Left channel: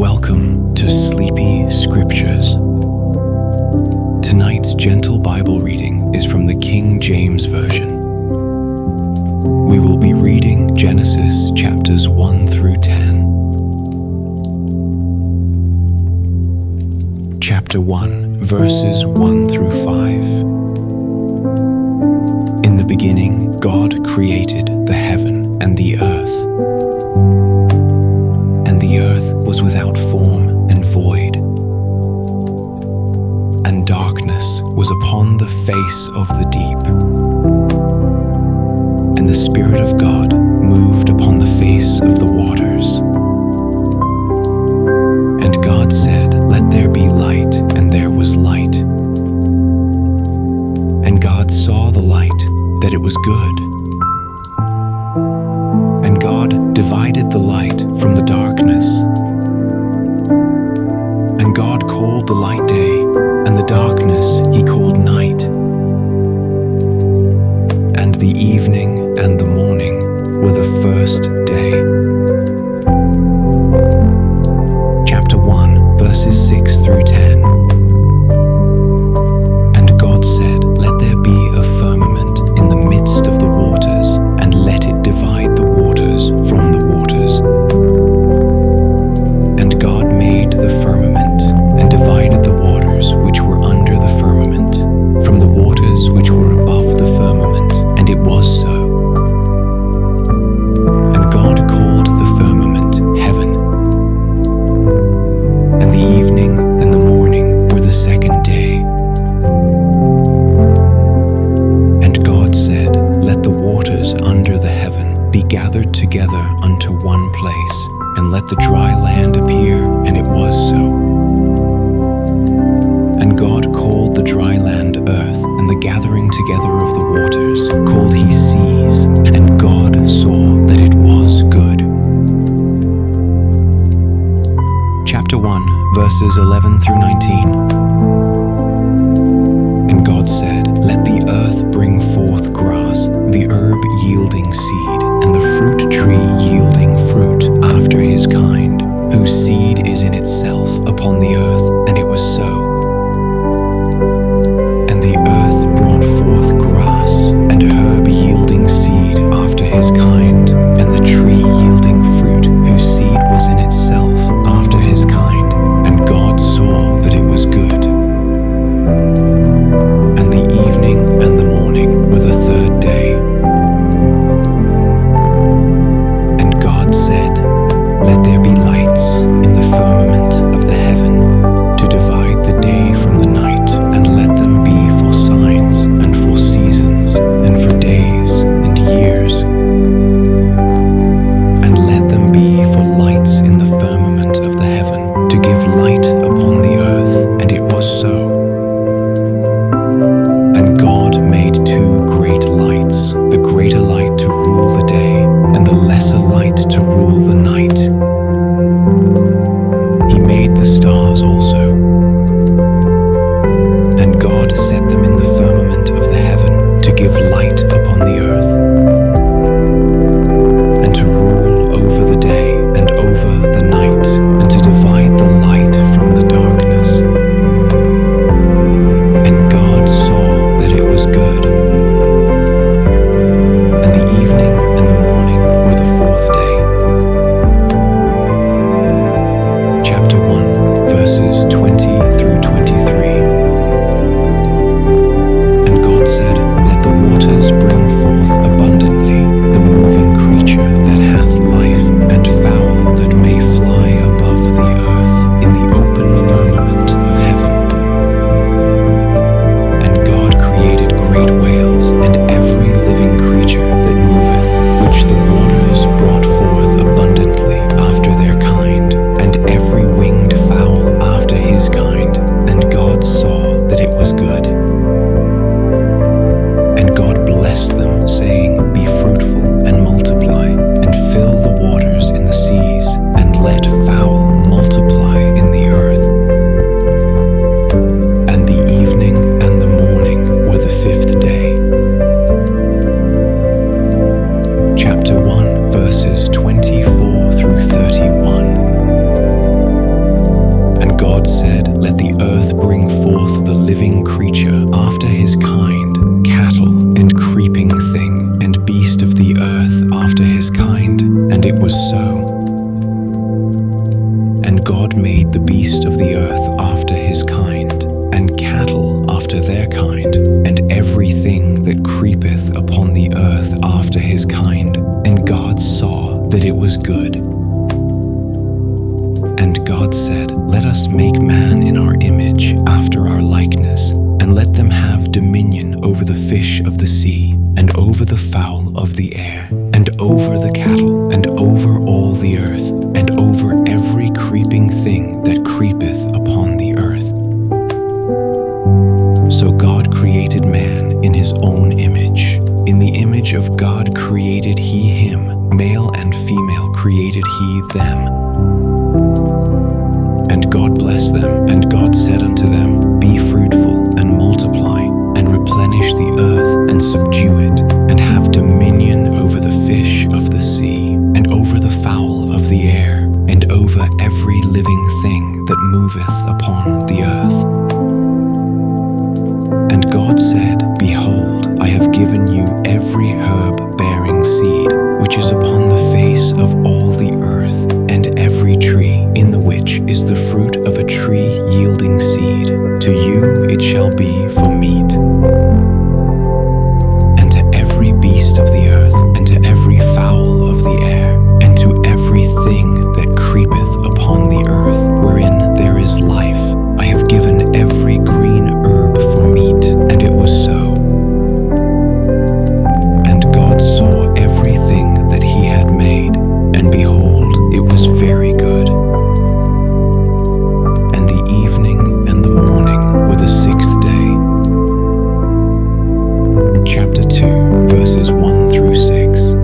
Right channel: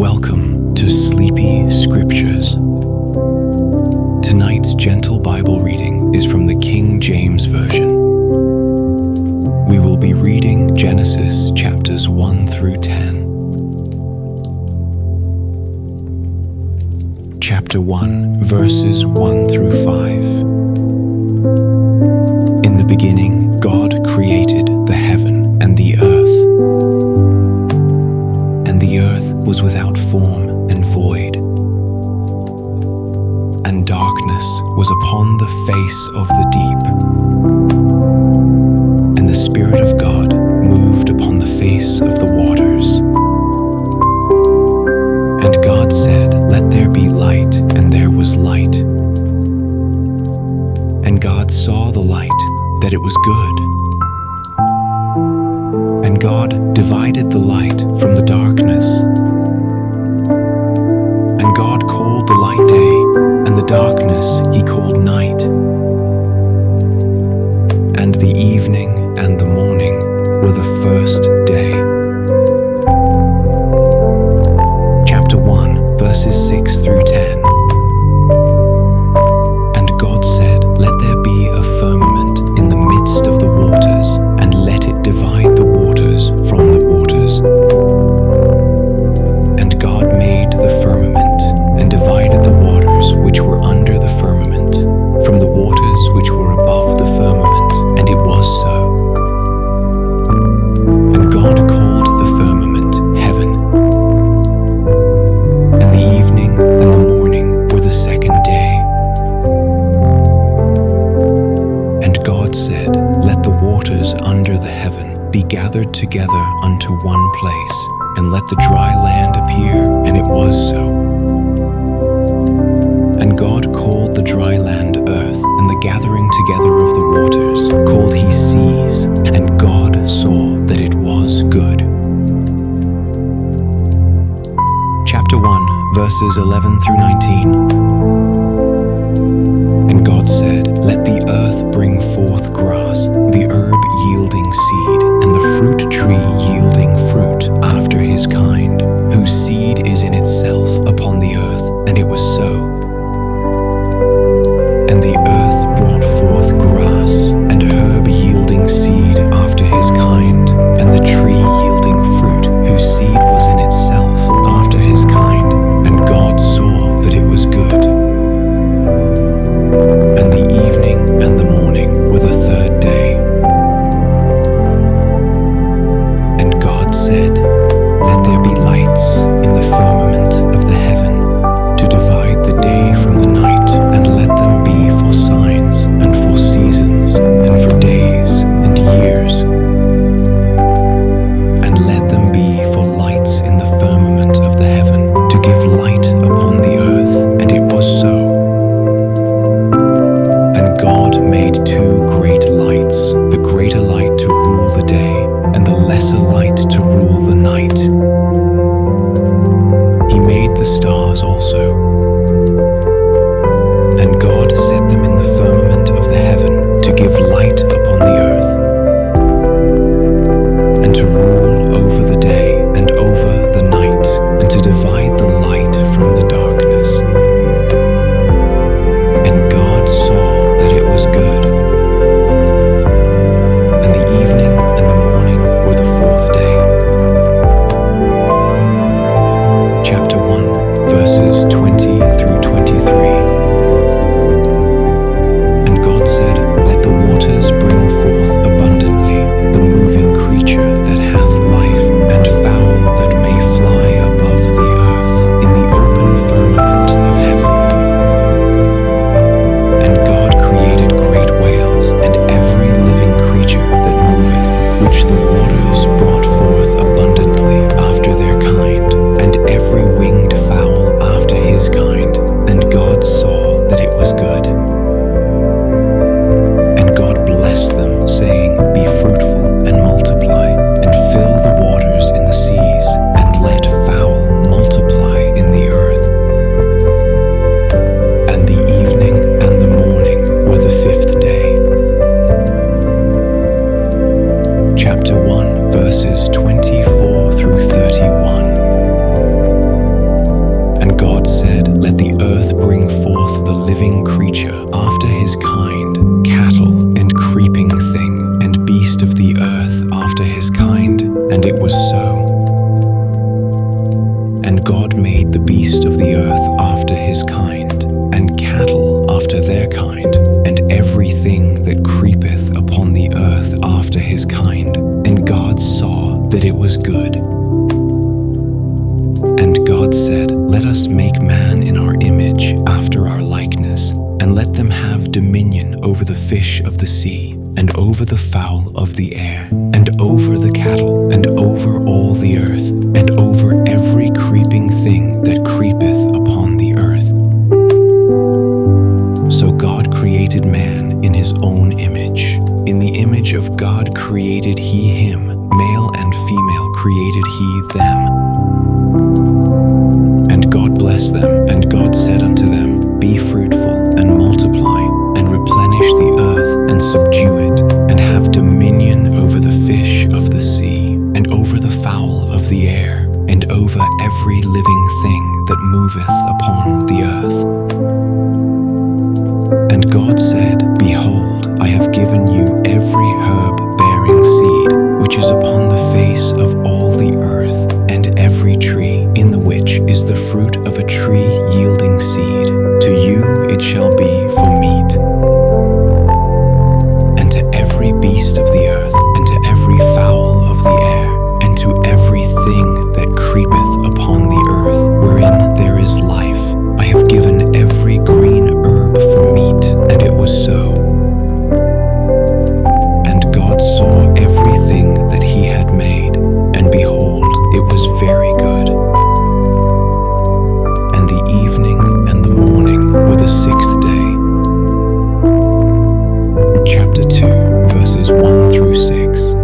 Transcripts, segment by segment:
Welcome to Sleepy Scriptures. Tonight's gentle Bible reading is from the King James Version. We will be reading Genesis chapters 1 through 10. Chapter 1, verses 1 through 5. In the beginning, God created the heaven and the earth. And the earth was without form and void, and darkness was upon the face of the deep. And the Spirit of God moved upon the face of the waters. And God said, "Let there be light," and there was light. And God saw the light, that it was good. And God divided the light from the darkness. And God called the light day, and the darkness he called night. And the evening and the morning were the first day. Chapter 1, verses 6 through 10. And God said, "Let there be a firmament in the midst of the waters, and let it divide the waters from the waters." And God made the firmament, and divided the waters which were under the firmament from the waters which were above the firmament, and it was so. And God called the firmament heaven. And the evening and the morning were the second day. And God said, "Let the waters under the heaven be gathered together unto one place, and let the dry land appear," and it was so. And God called the dry land earth, and the gathering together of the waters called he seas. And God saw that it was good. Chapter 1, verses 11 through 19. And God said, "Let the earth bring forth grass, the herb yielding seed, and the fruit tree yielding fruit after his kind, whose seed is in itself upon the earth," and it was so. And the earth brought forth grass, and herb yielding seed after his kind, and the tree yielding fruit, whose seed was in itself after his kind. And God saw that it was good. And the evening and the morning were the third day. And God said, "Let there be lights in the firmament of the heaven, to divide the day from the night, and let them be for signs, and for seasons, and for days and years. And let them be for lights in the firmament of the heaven, to give light upon the earth." And it was so. And God made two great lights, the greater light to rule the day, and the lesser light to rule the night. He made the stars also. And God set them in the firmament of the heaven, to give light upon the earth, and to rule over the day and over the night, and to divide the light from the darkness. And God saw that it was good. And the evening and the morning were the fourth day. Chapter 1, verses 20 through 23. And God said, "Let the waters bring forth abundantly the moving creature that hath life, and fowl God said, "Let the earth bring forth the living creature after his kind, cattle and creeping thing, and beast of the earth after his kind." And it was so. And God made the beast of the earth after his kind, and cattle after their kind, and everything that creepeth upon the earth after his kind. And God saw that it was good. And God said, "Let us make man in our image, after our likeness, and let them have dominion over the fish of the sea, and over the fowl of the air, and over the cattle, and over all the earth, and over every creeping thing that creepeth upon the earth." So God created man in his own image. In the image of God created he him, male and female created he them. And God blessed them, and God said unto them, "Be fruitful, and multiply, and replenish the earth, and subdue it, and have dominion over the fish of the sea, and over the fowl of the air, and over every living thing that moveth upon the earth." And God said, "Behold, I have given you every herb bearing seed, which is upon the face of all the earth, and every tree, in the which is the fruit of a tree yielding seed. To you it shall be for meat. And to every beast of the earth, and to every fowl of the air, and to every thing that creepeth upon the earth, wherein there is life, I have given every green herb for meat." And it was so. And God saw everything that he had made, and behold, it was very good. And the evening and the morning were the sixth day. Chapter 2, verses 1 through 6.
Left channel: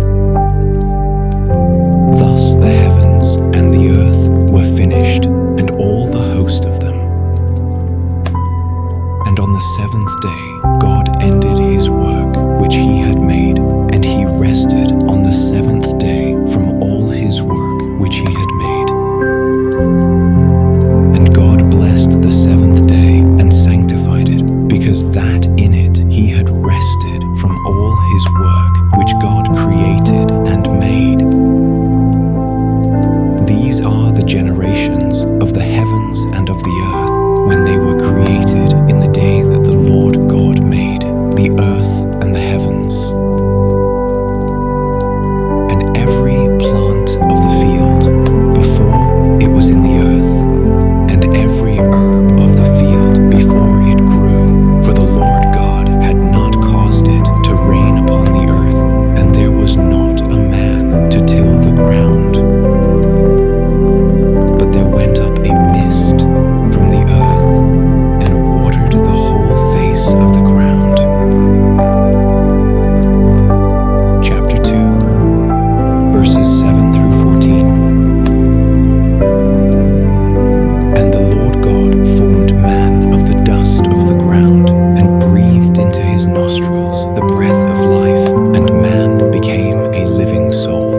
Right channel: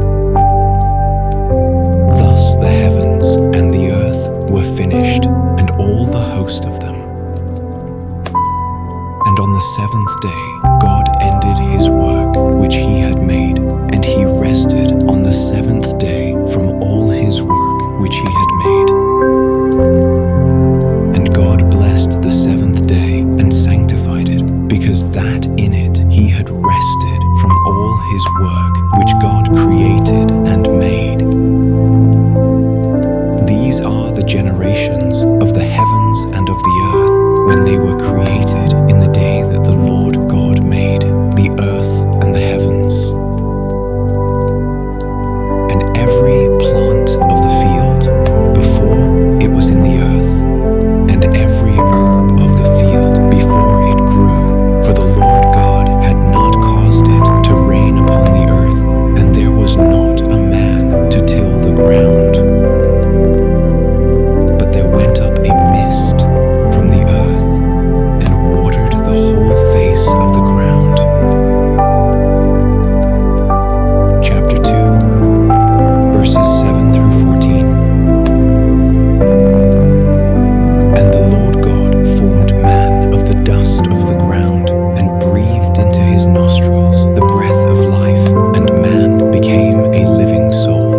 Thus the heavens and the earth were finished, and all the host of them. And on the seventh day God ended his work which he had made, and he rested on the seventh day from all his work which he had made. And God blessed the seventh day and sanctified it, because that in it he had rested from all his work which God created and made. These are the generations of the heavens and of the earth, when they were created in the day that the Lord God made the earth and the heavens. And every plant of the field before it was in the earth, and every herb of the field before it grew, for the Lord God had not caused it to rain upon the earth, and there was not a man to till the ground. But there went up a mist from the earth, and watered the whole face of the ground. Chapter 2, verses 7 through 14. And the Lord God formed man of the dust of the ground, and breathed into his nostrils the breath of life, and man became a living soul.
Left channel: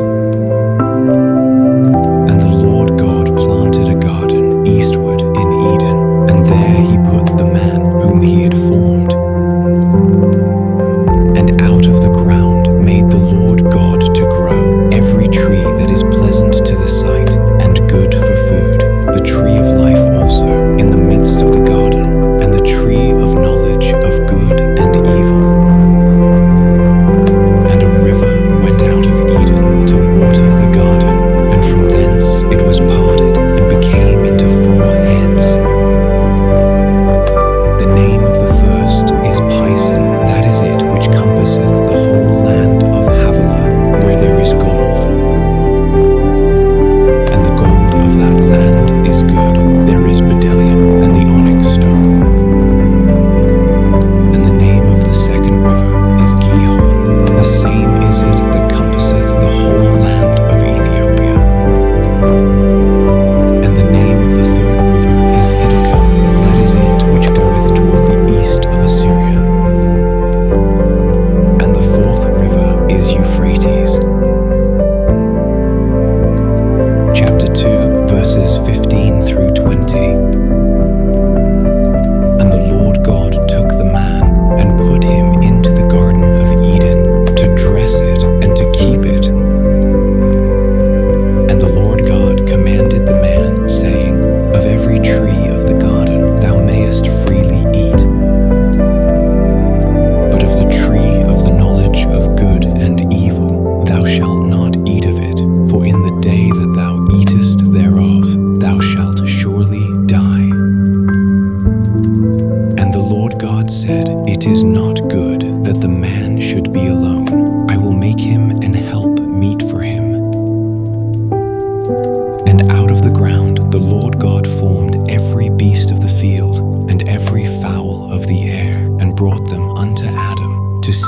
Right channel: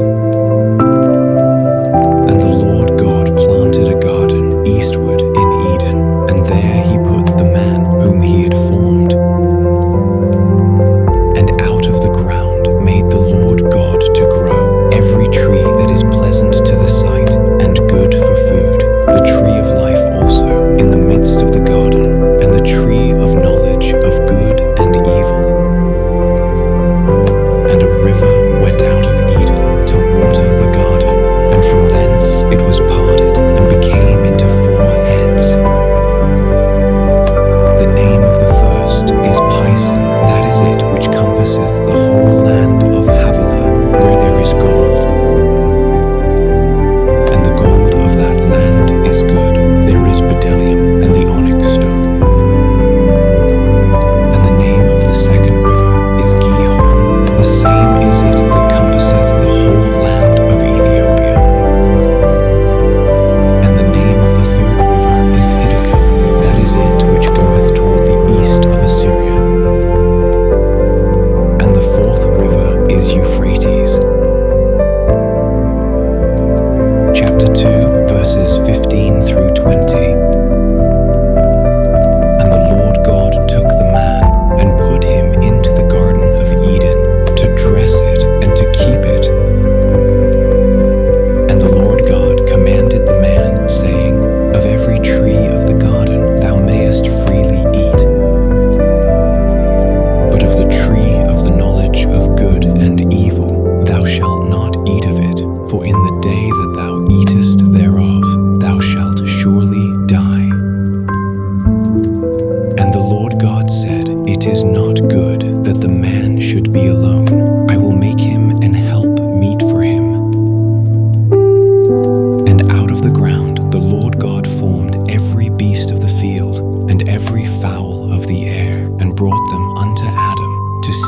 And the Lord God planted a garden eastward in Eden, and there he put the man whom he had formed. And out of the ground made the Lord God to grow every tree that is pleasant to the sight, and good for food, the tree of life also in the midst of the garden, and the tree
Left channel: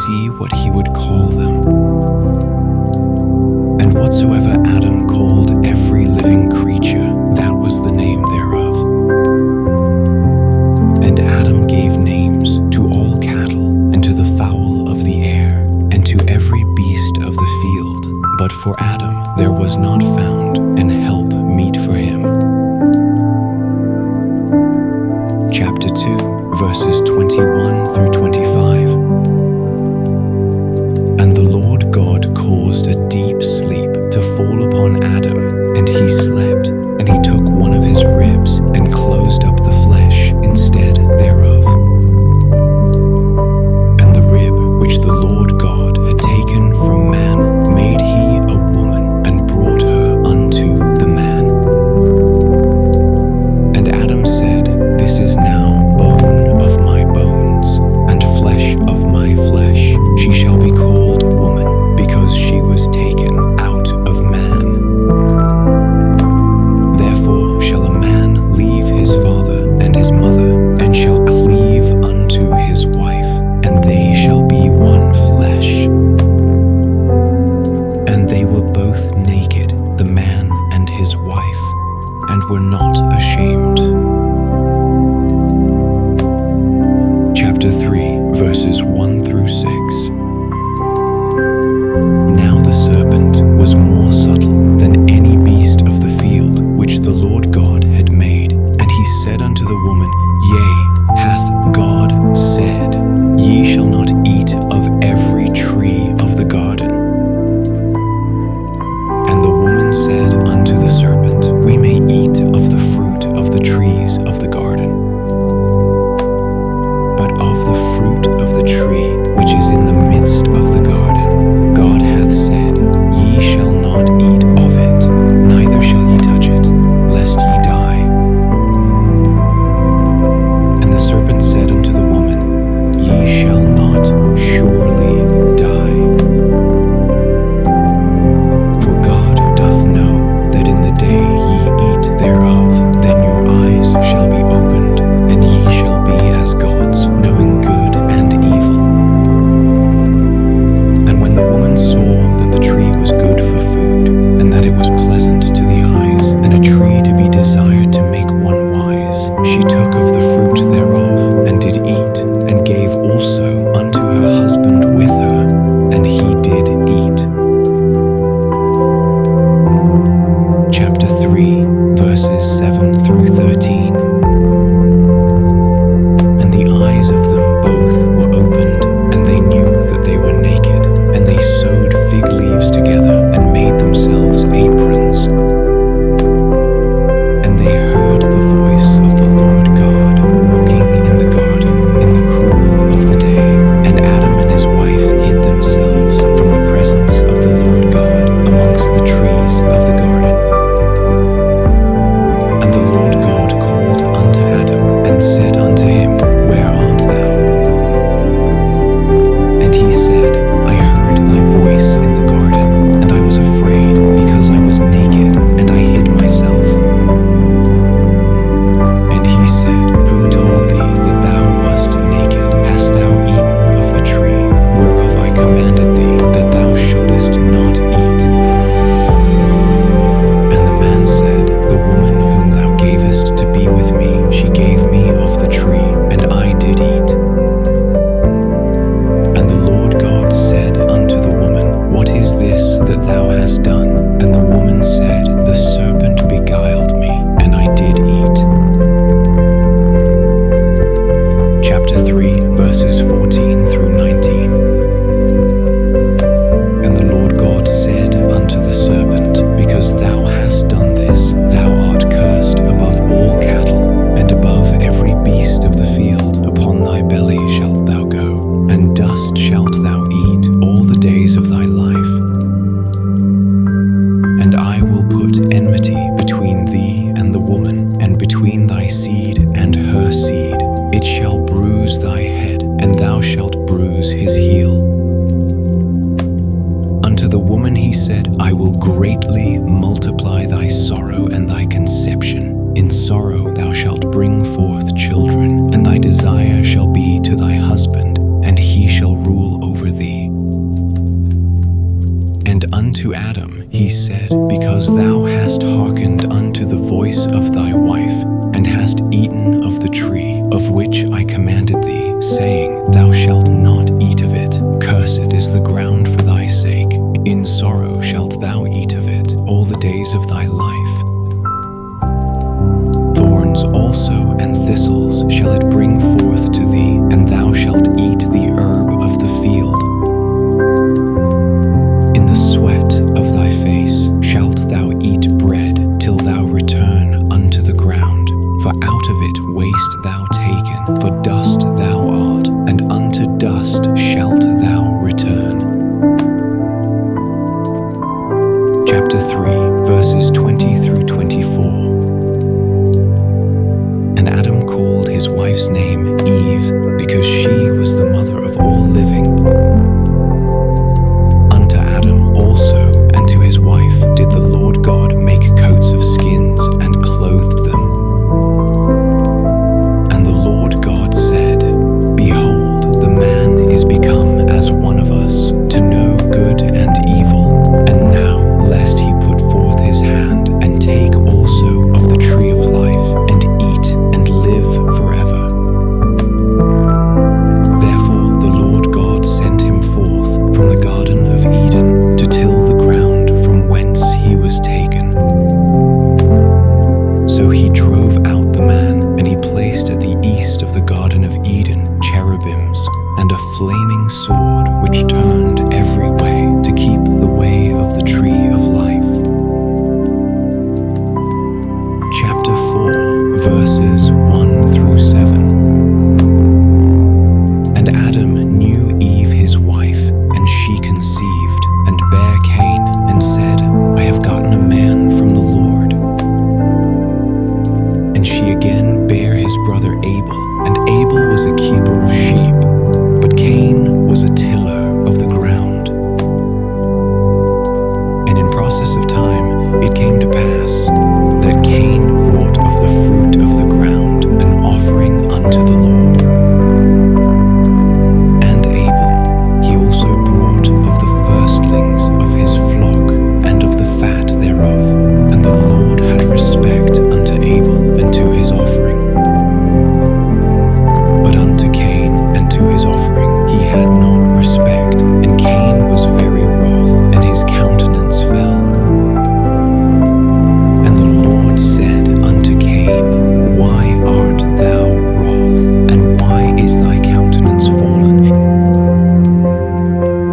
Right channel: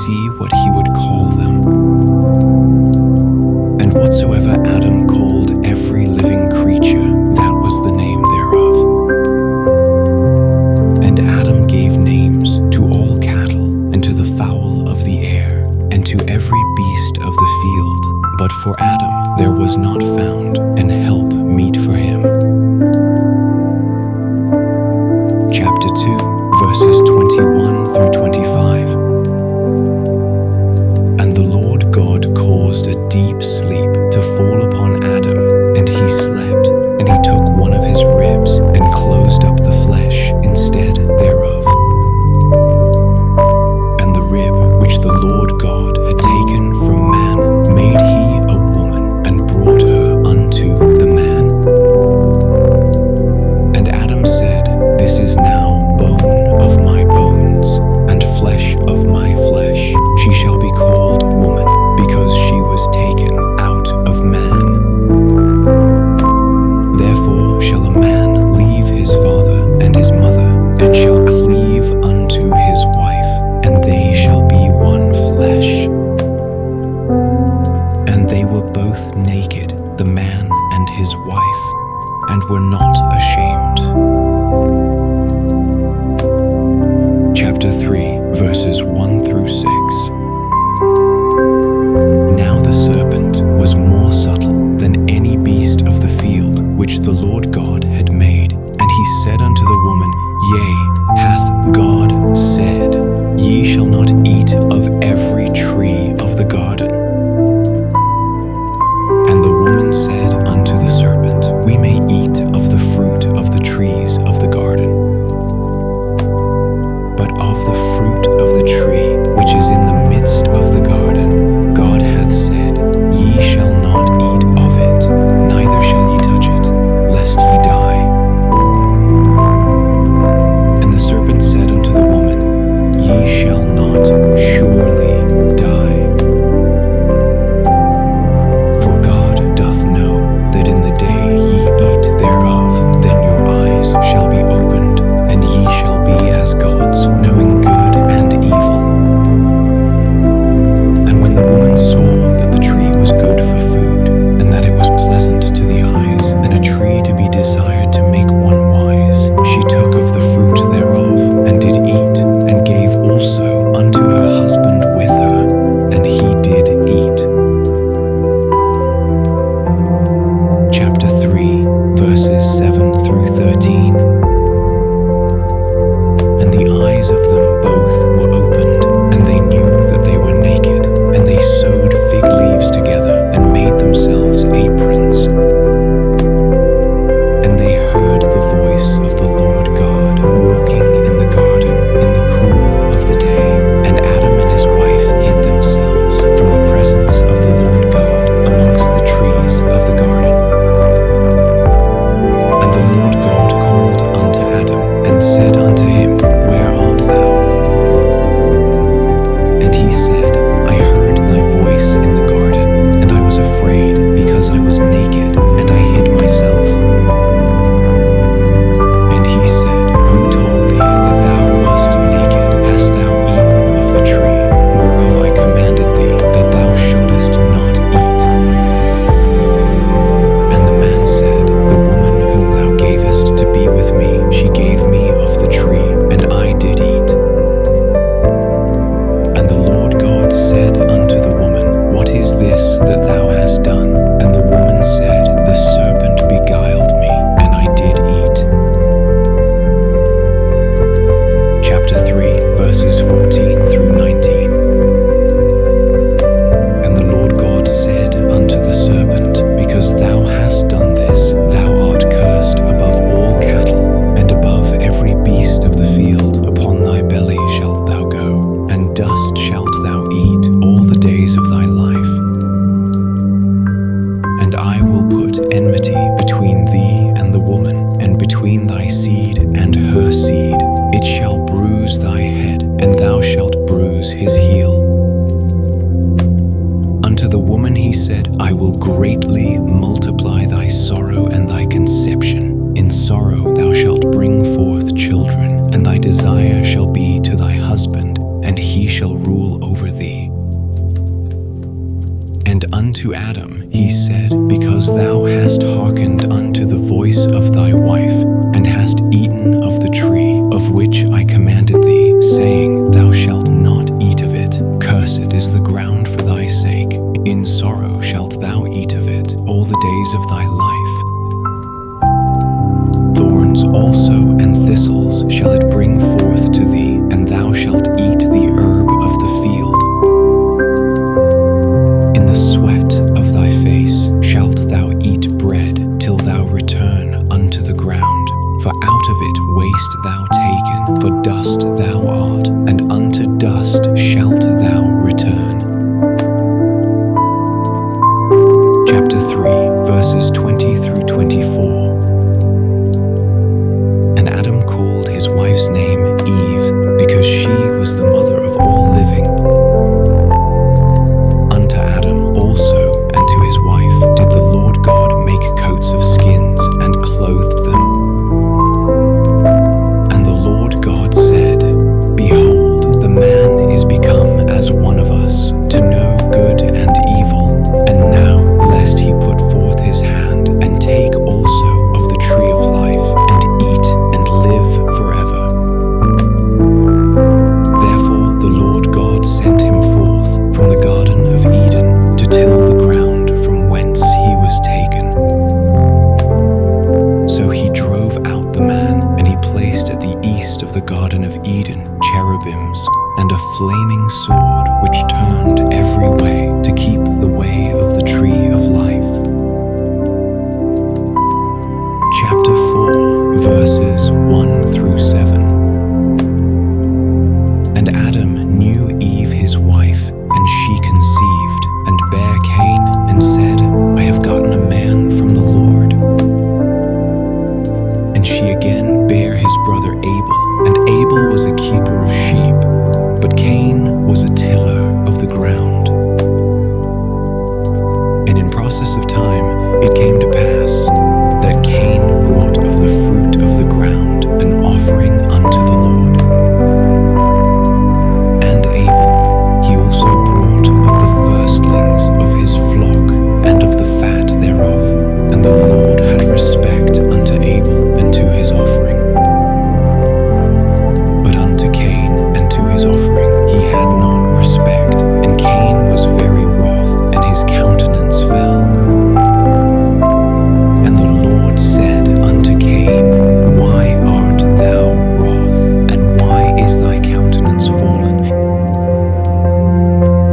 see what he would call them. And whatsoever Adam called every living creature, that was the name thereof. And Adam gave names to all cattle, and to the fowl of the air, and to every beast of the field. But for Adam there was not found an help meet for him. Chapter 2, verses 21 through 25. And the Lord God caused a deep sleep to fall upon Adam, and he slept. And he took one of his ribs and closed up the flesh instead thereof. And the rib which the Lord God had taken from man made he a woman, and brought her unto the man. And Adam said, This is now bone of my bones, and flesh of my flesh. She shall be called woman, because she was taken out of man. Therefore shall a man leave his father and his mother, and shall cleave unto his wife, and they shall be one flesh. And they were both naked, the man and his wife, and were not ashamed. Chapter 3, verses 1 through 6. Now the serpent was more subtle than any beast of the field which the Lord God had made. And he said unto the woman, Yea, hath God said, Ye shall not eat of every tree of the garden? And the woman said unto the serpent, We may eat of the fruit of the trees of the garden. But of the fruit of the tree which is in the midst of the garden, God hath said, Ye shall not eat of it, neither shall ye touch it, lest ye die. And the serpent said unto the woman, Ye shall not surely die. For God doth know that in the day ye eat thereof, then your eyes shall be opened, and ye shall be as gods, knowing good and evil. And when the woman saw that the tree was good for food, and that it was pleasant to the eyes, and a tree to be desired to make one wise, she took of the fruit thereof, and did eat, and gave also unto her husband with her, and he did eat. Chapter 3, verses 7 through 13. And the eyes of them both were opened, and they knew that they were naked. And they sewed fig leaves together, and made themselves aprons. And they heard the voice of the Lord God walking in the garden in the cool of the day. And Adam and his wife hid themselves from the presence of the Lord God amongst the trees of the garden. And the Lord God called unto Adam, and said unto him, Where art thou? And he said, I heard thy voice in the garden, and I was afraid, because I was naked, and I hid myself. And he said, Who told thee that thou wast naked? Hast thou eaten of the tree, whereof I commanded thee that thou shouldest not eat? And the man said, The woman whom thou gavest to be with me, she gave me of the tree, and I did eat. And the Lord God said unto the woman, What is this that thou hast done? And the woman said, The serpent beguiled me, and I did eat. Chapter 3, verses 14 through 19. And the Lord God said unto the serpent, Because thou hast done this, thou art cursed above all cattle, and above every beast of the field. Upon thy belly shalt thou go, and dust shalt thou eat all the days of thy life. And I will put enmity between thee and the woman, and between thy seed and her seed. It shall bruise thy head, and thou shalt bruise his heel. Unto the woman he said, I will greatly multiply thy sorrow and thy conception. In sorrow thou shalt bring forth children, and thy desire shall be to thy husband, and he shall rule over thee. And unto Adam he said, Because thou hast hearkened unto the voice of thy wife, and hast eaten of the tree of which I commanded thee, saying, Thou shalt not eat of it. Cursed is the ground for thy sake. In sorrow shalt thou eat of it all the days of thy life. Thorns also and thistles shall it bring forth to thee, and thou shalt eat the herb of the field. In the sweat of thy face shalt thou eat bread, till thou return unto the ground. For out of it wast thou taken, for dust thou art, and unto dust shalt thou return. Chapter 3, verses 20 through 24. And Adam called his wife's name Eve, because she was the mother of all living. Unto Adam also and to his wife did the Lord God make coats of skins, and clothed them. And the Lord God said, Behold, the man is become as one of us, to know good and evil. And now, lest he put forth his hand, and take also of the tree of life, and eat, and live forever. Therefore the Lord God sent him forth from the Garden of Eden, to till the ground from whence he was taken. So he drove out the man, and he placed at the east of the Garden of Eden cherubims, and a flaming sword which turned every way, to keep the way of the tree of life. Chapter 4, verses 1 through 7. And Adam knew Eve his wife, and she conceived, and bare Cain, and said, I have gotten a man from the Lord. And she again bare his brother Abel, and Abel was a keeper of sheep, but Cain was a tiller of the ground. And in process of time it came to pass, that Cain brought of the fruit of the ground an offering unto the Lord. And Abel he also brought of the firstlings of his flock, and of the fat thereof. And the Lord had respect unto Abel and to his offering. But unto Cain and to his offering he had not respect. And Cain was very wroth, and his countenance fell. And the Lord said unto Cain, Why art thou wroth, and why is thy countenance fallen?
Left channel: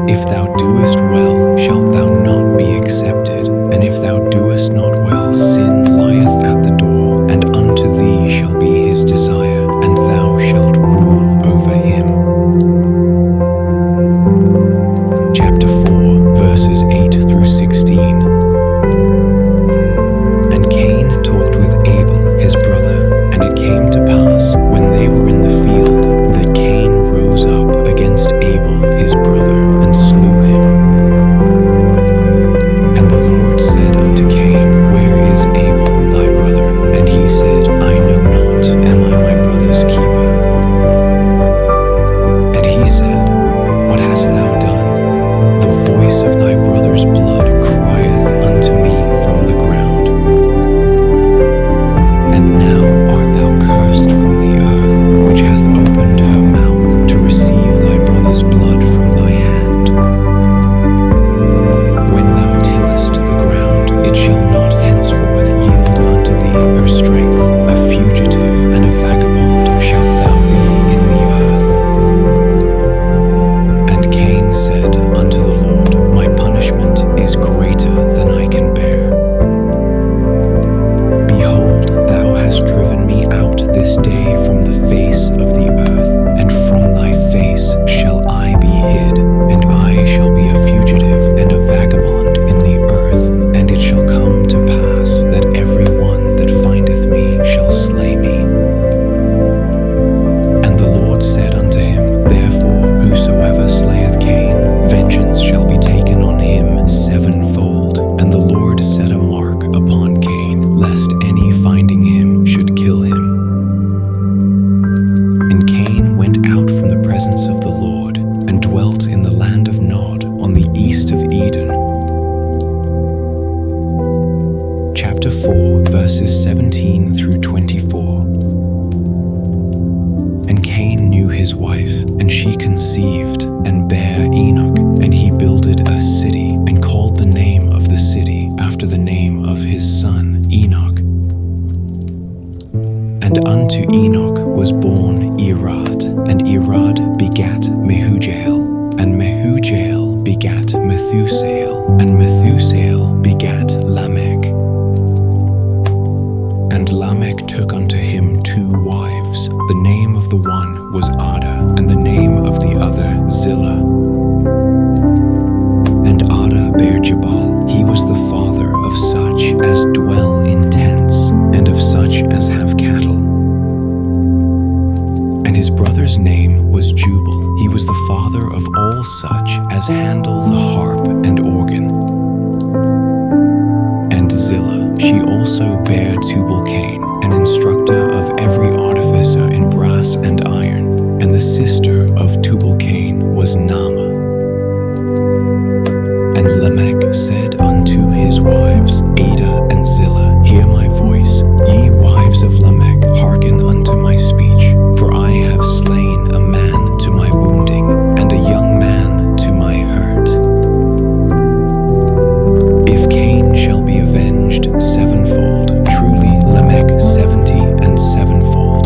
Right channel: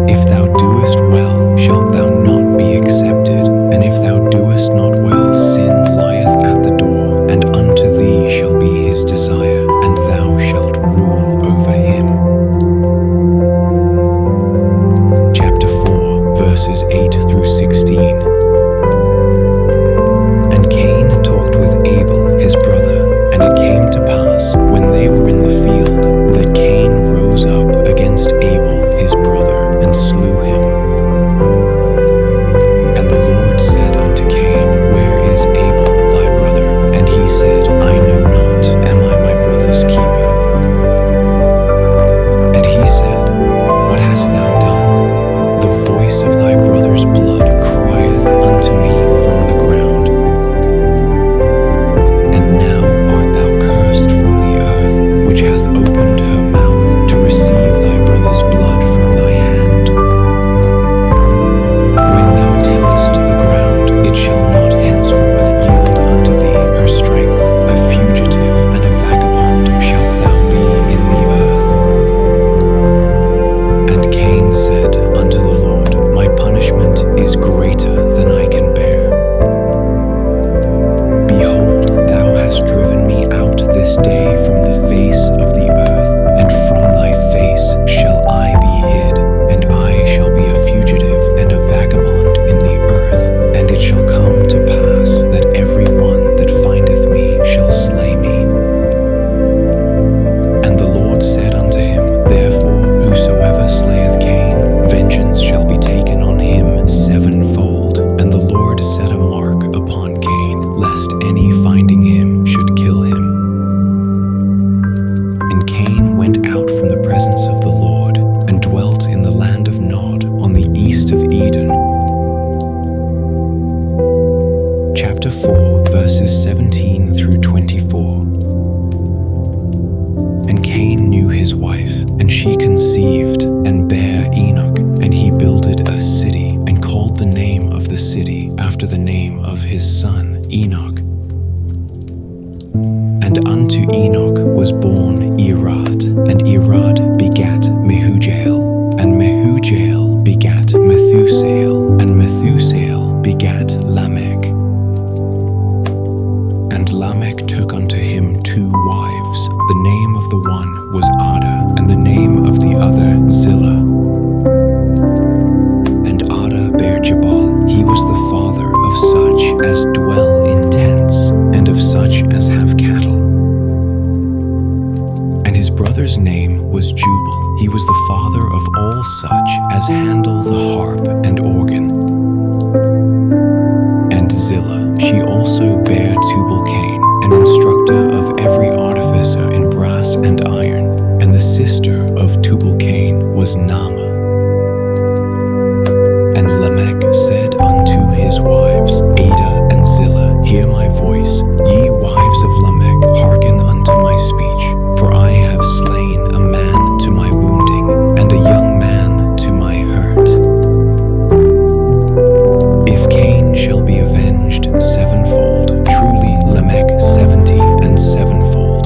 If thou doest well, shalt thou not be accepted, and if thou doest not well, sin lieth at the door, and unto thee shall be his desire, and thou shalt rule over him. Chapter 4, verses 8 through 16. And Cain talked with Abel his brother, and it came to pass, when they were in the field, that Cain rose up against Abel his brother, and slew him. And the Lord said unto Cain, Where is Abel thy brother? And he said, I know not, am I my brother's keeper? And he said, What hast thou done? The voice of thy brother's blood crieth unto me from the ground. And now art thou cursed from the earth, which hath opened her mouth to receive thy brother's blood from thy hand. When thou tillest the ground, it shall not henceforth yield unto thee her strength. A fugitive and a vagabond shalt thou be in the earth. And Cain said unto the Lord, My punishment is greater than I can bear. Behold, thou hast driven me out this day from the face of the earth, and from thy face shall I be hid, and I shall be a fugitive and a vagabond in the earth. And it shall come to pass that every one that findeth me shall slay me. And the Lord said unto him, Therefore whosoever slayeth Cain, vengeance shall be taken on him sevenfold. And the Lord set a mark upon Cain, lest any finding him should kill him. And dwelt in the land of Nod on the east of Eden. Chapter 4, verses 17 through 24. And Cain knew his wife, and she conceived, and bare Enoch, and he builded a city, and called the name of the city after the name of his son Enoch. And unto Enoch was born Irad, and Irad begat Mehujael, and Mehujael begat Methusael, and Methusael begat Lamech. And Lamech took unto him 2 wives. The name of the one was Ada, and the name of the other Zillah. And Ada bare Jabal. He was the father of such as dwell in tents, and of such as have cattle. And his brother's name was Jubal. He was the father of all such as handle the harp and organ. And Zillah, she also bare Tubal-Cain, an instructor of every artificer in brass and iron. And the sister of Tubal-Cain was Naamah. And Lamech said unto his wives, Ada and Zillah, hear my voice, ye wives of Lamech, hearken unto my speech. For I have slain a man to my wounding, and a young man to my hurt. If Cain shall be avenged 7-fold, truly Lamech 70 and 7-fold.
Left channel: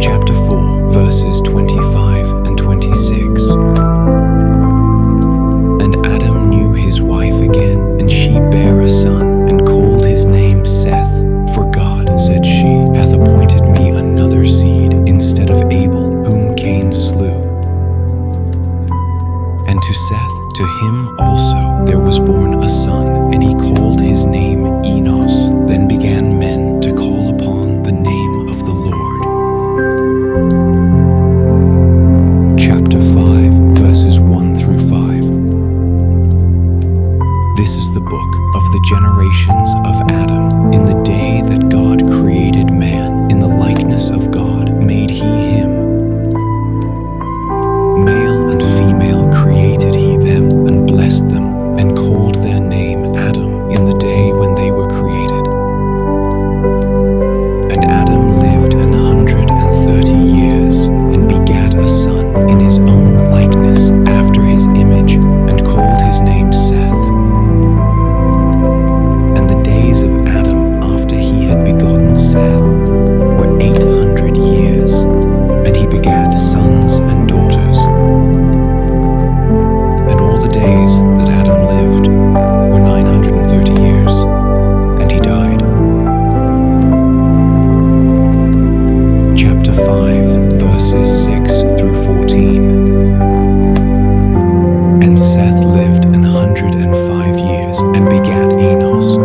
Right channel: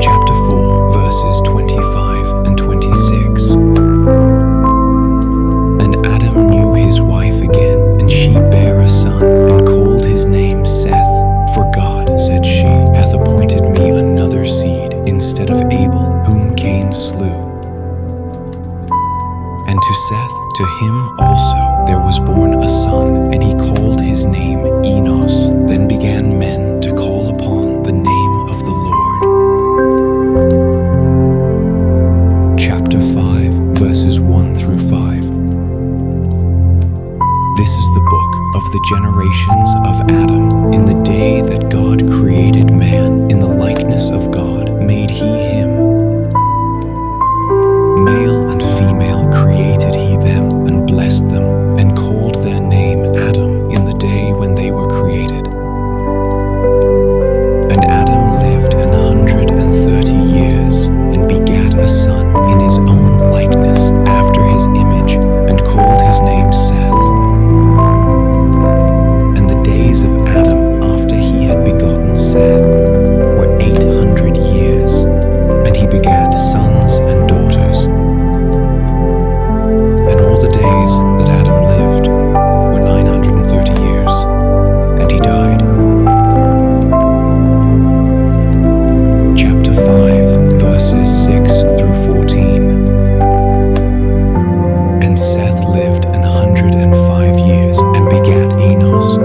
Chapter 4, verses 25 and 26. And Adam knew his wife again, and she bare a son, and called his name Seth. For God, said she, hath appointed me another seed instead of Abel, whom Cain slew. And to Seth, to him also there was born a son, and he called his name Enos. Then began men to call upon the name of the Lord. Chapter 5, verses 1 through 5. This is the book of the generations of Adam. In the day that God created man, in the likeness of God made he him. Male and female created he them, and blessed them, and called their name Adam in the day when they were created. And Adam lived 130 years, and begat a son in his own likeness, after his image, and called his name Seth. And the days of Adam after he had begotten Seth were 800 years, and he begat sons and daughters. And all the days that Adam lived were 930 years, and he died. Chapter 5, verses 6 through 14. And Seth lived 105 years, and begat Enos.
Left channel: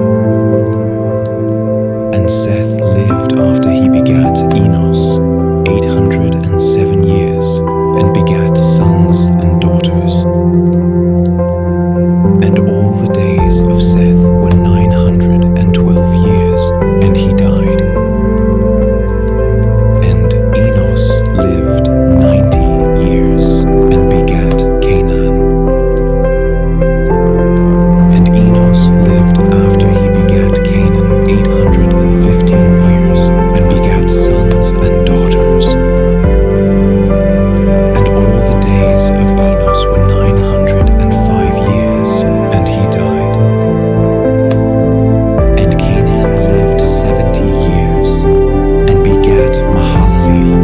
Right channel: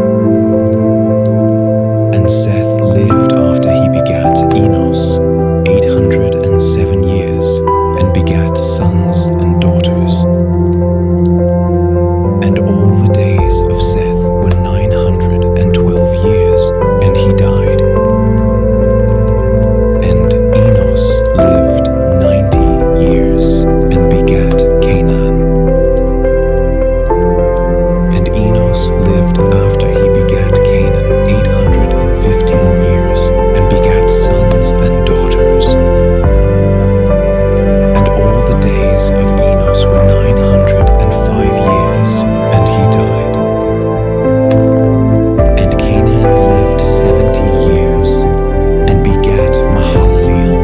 And Seth lived after he begat Enos 807 years, and begat sons and daughters. And all the days of Seth were 912 years, and he died. And Enos lived 90 years, and begat Canaan. And Enos lived after he begat Canaan 815 years, and begat sons and daughters. And all the days of Enos were 905 years, and he died. And Canaan lived 70 years, and begat Mahalaleel.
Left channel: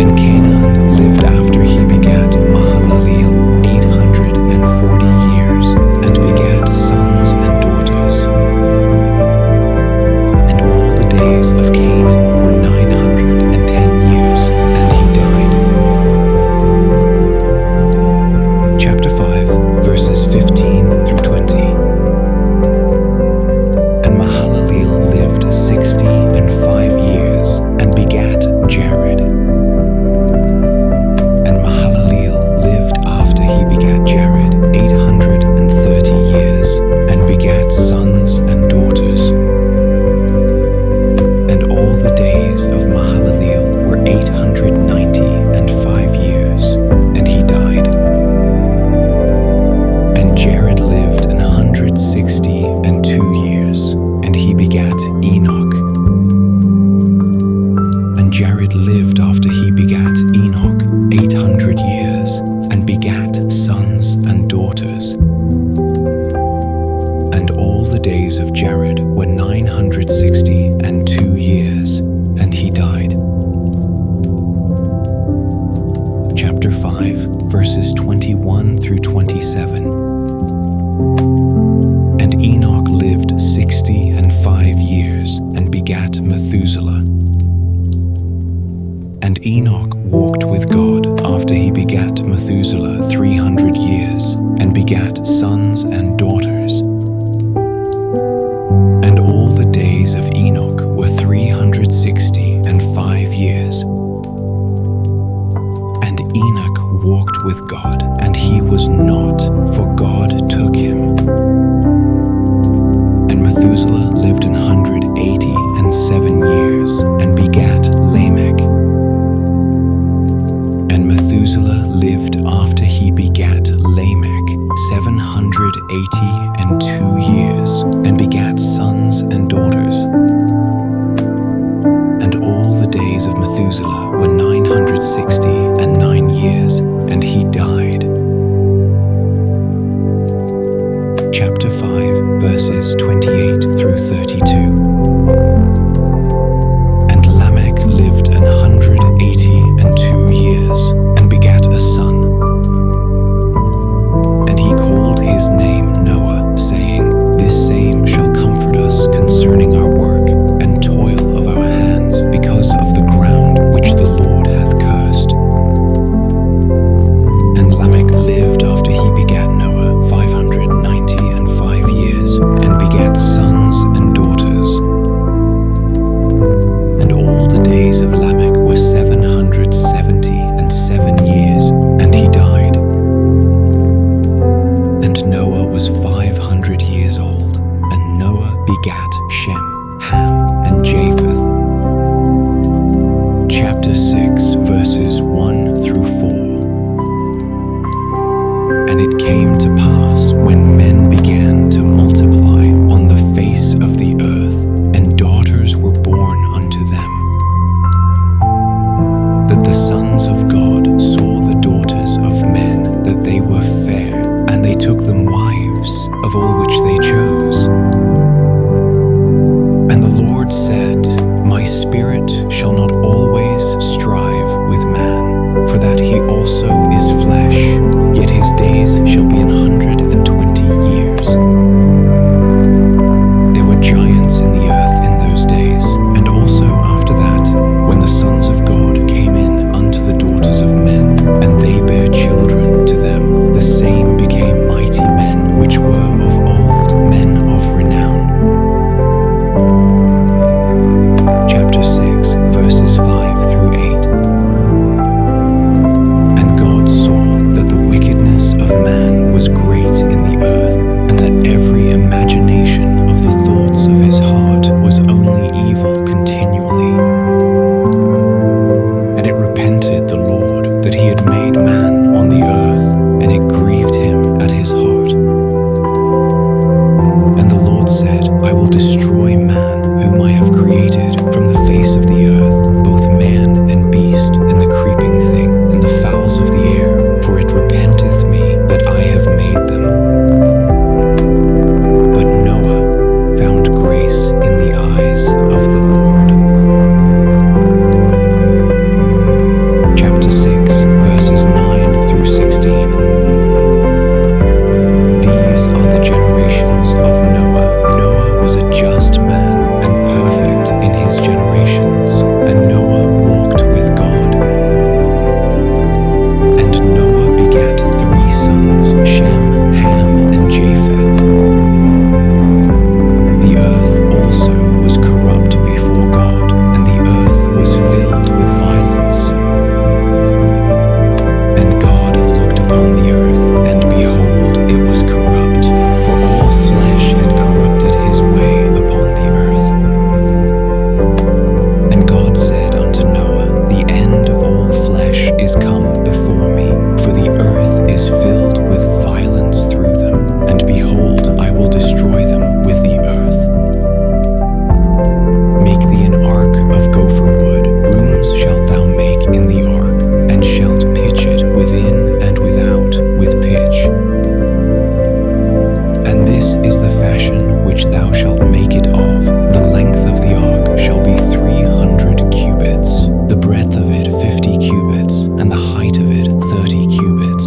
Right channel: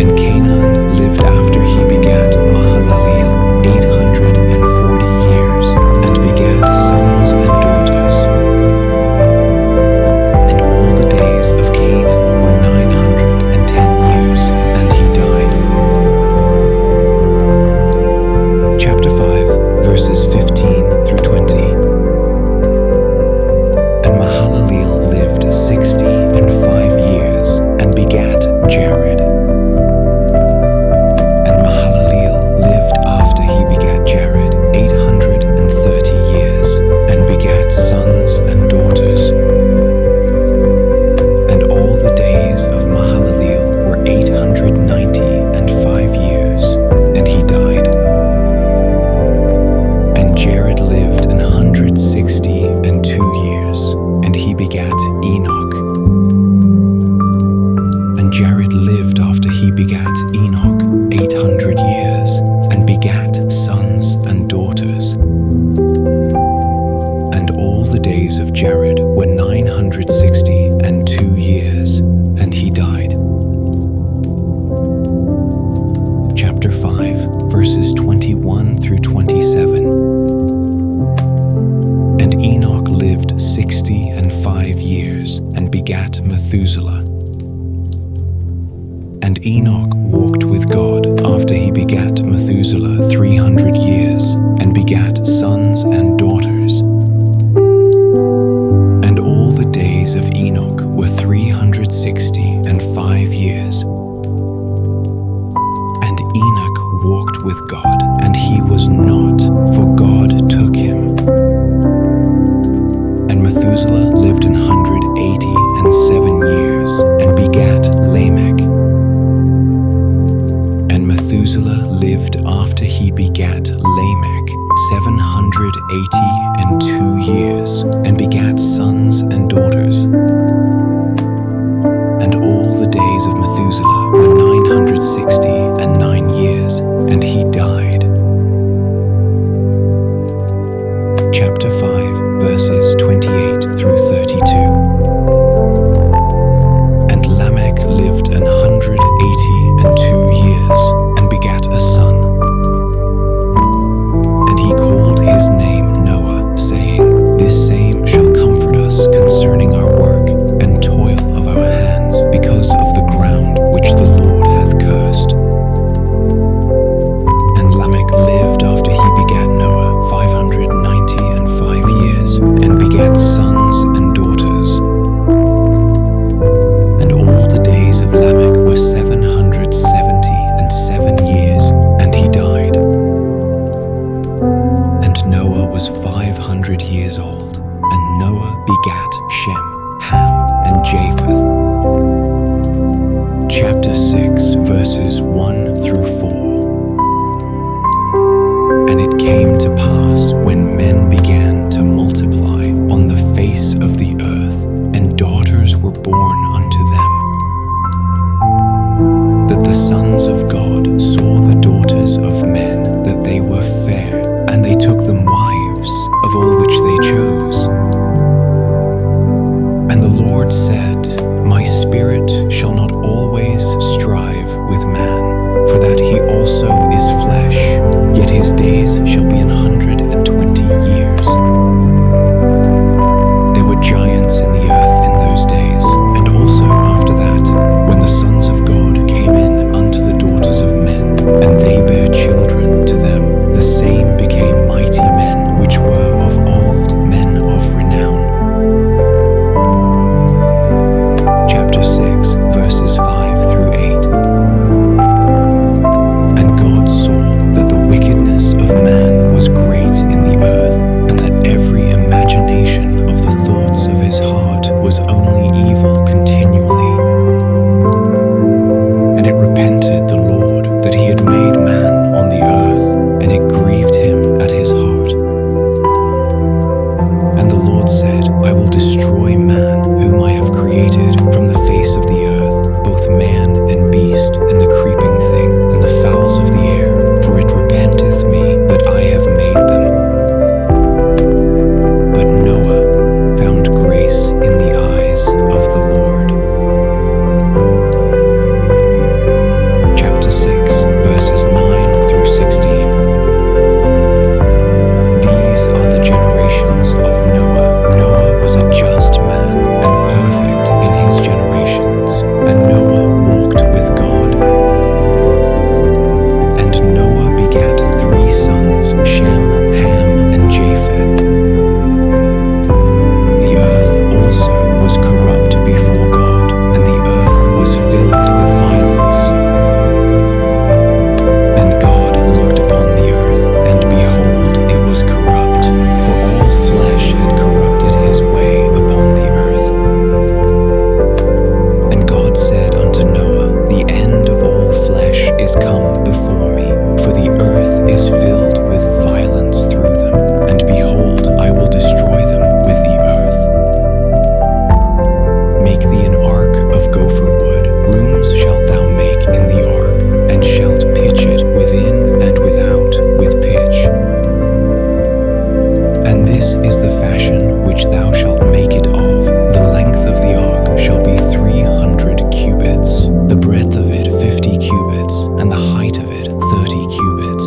And Canaan lived after he begat Mahalaleel 840 years, and begat sons and daughters. And all the days of Canaan were 910 years, and he died. Chapter 5, verses 15 through 20. And Mahalaleel lived 65 years, and begat Jared. And Mahalaleel lived after he begat Jared 830 years, and begat sons and daughters. And all the days of Mahalaleel were begat Enoch 800 years, and begat sons and daughters. And all the days of Jared were 962 years, and he died. Chapter 5, verses 21 through 27. And Enoch lived 65 years, and begat Methuselah. And Enoch walked with God after he begat Methuselah 300 years, and begat sons and daughters. And all the days of Enoch were 365 years. And Enoch walked with God, and he was not, for God took him. And Methuselah lived 187 years, and begat Lamech. And Methuselah lived after he begat Lamech 782 years, and begat sons and daughters. And all the days of Methuselah were 969 years, and he died. Chapter 5, verses 28 through 32. And Lamech lived 182 years, and begat a son. And he called his name Noah, saying, This same shall comfort us concerning our work and toil of our hands, because of the ground which the Lord hath cursed. And Lamech lived after he begat Noah 595 years, and begat sons and daughters. And all the days of Lamech were 777 years, and he died. And Noah was 500 years old, and Noah begat Shem, Ham, and Japheth. Chapter 6, verses 1 through 4. And it came to pass, when men began to multiply on the face of the earth, and daughters were born unto them, that the sons of God saw the daughters of men, that they were fair, and they took them wives of all which they chose. And the Lord said, My spirit shall not always strive with man, for that he also is flesh, yet his days shall be 120 years. There were giants in the earth in those days, and also after that, when the sons of God came in unto the daughters of men, and they bare children to them, the same became mighty men, which were of old, men of renown. Chapter 6, verses 5 through 8. And God saw that the wickedness of man was great in the earth, and that every imagination of the thoughts of his heart was only evil continually. And it repented the Lord that he had made man on the earth, and it grieved him at his heart. And the Lord said, I will destroy man whom I have created from the face of the earth, both man and beast, and the creeping thing, and the fowls of the air, for it repenteth me that I have made them. But Noah found grace in the eyes of the Lord. Chapter 6, verse which thou shalt make it of. The length of the ark shall be 300 cubits, the breadth of it 50 cubits, and the height of it 30 cubits.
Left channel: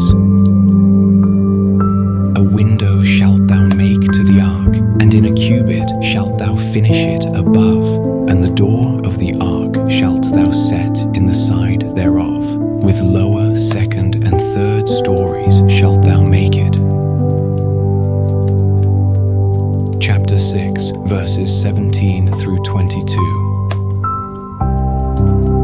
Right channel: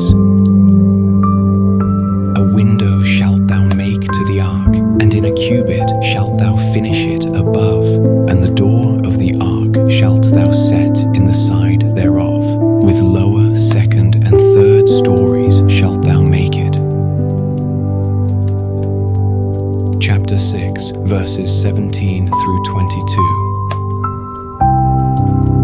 A window shalt thou make to the ark, and in a cubit shalt thou finish it above, and the door of the ark shalt thou set in the side thereof. With lower, second, and third stories shalt thou make it. Chapter 6, verses 17 through 22.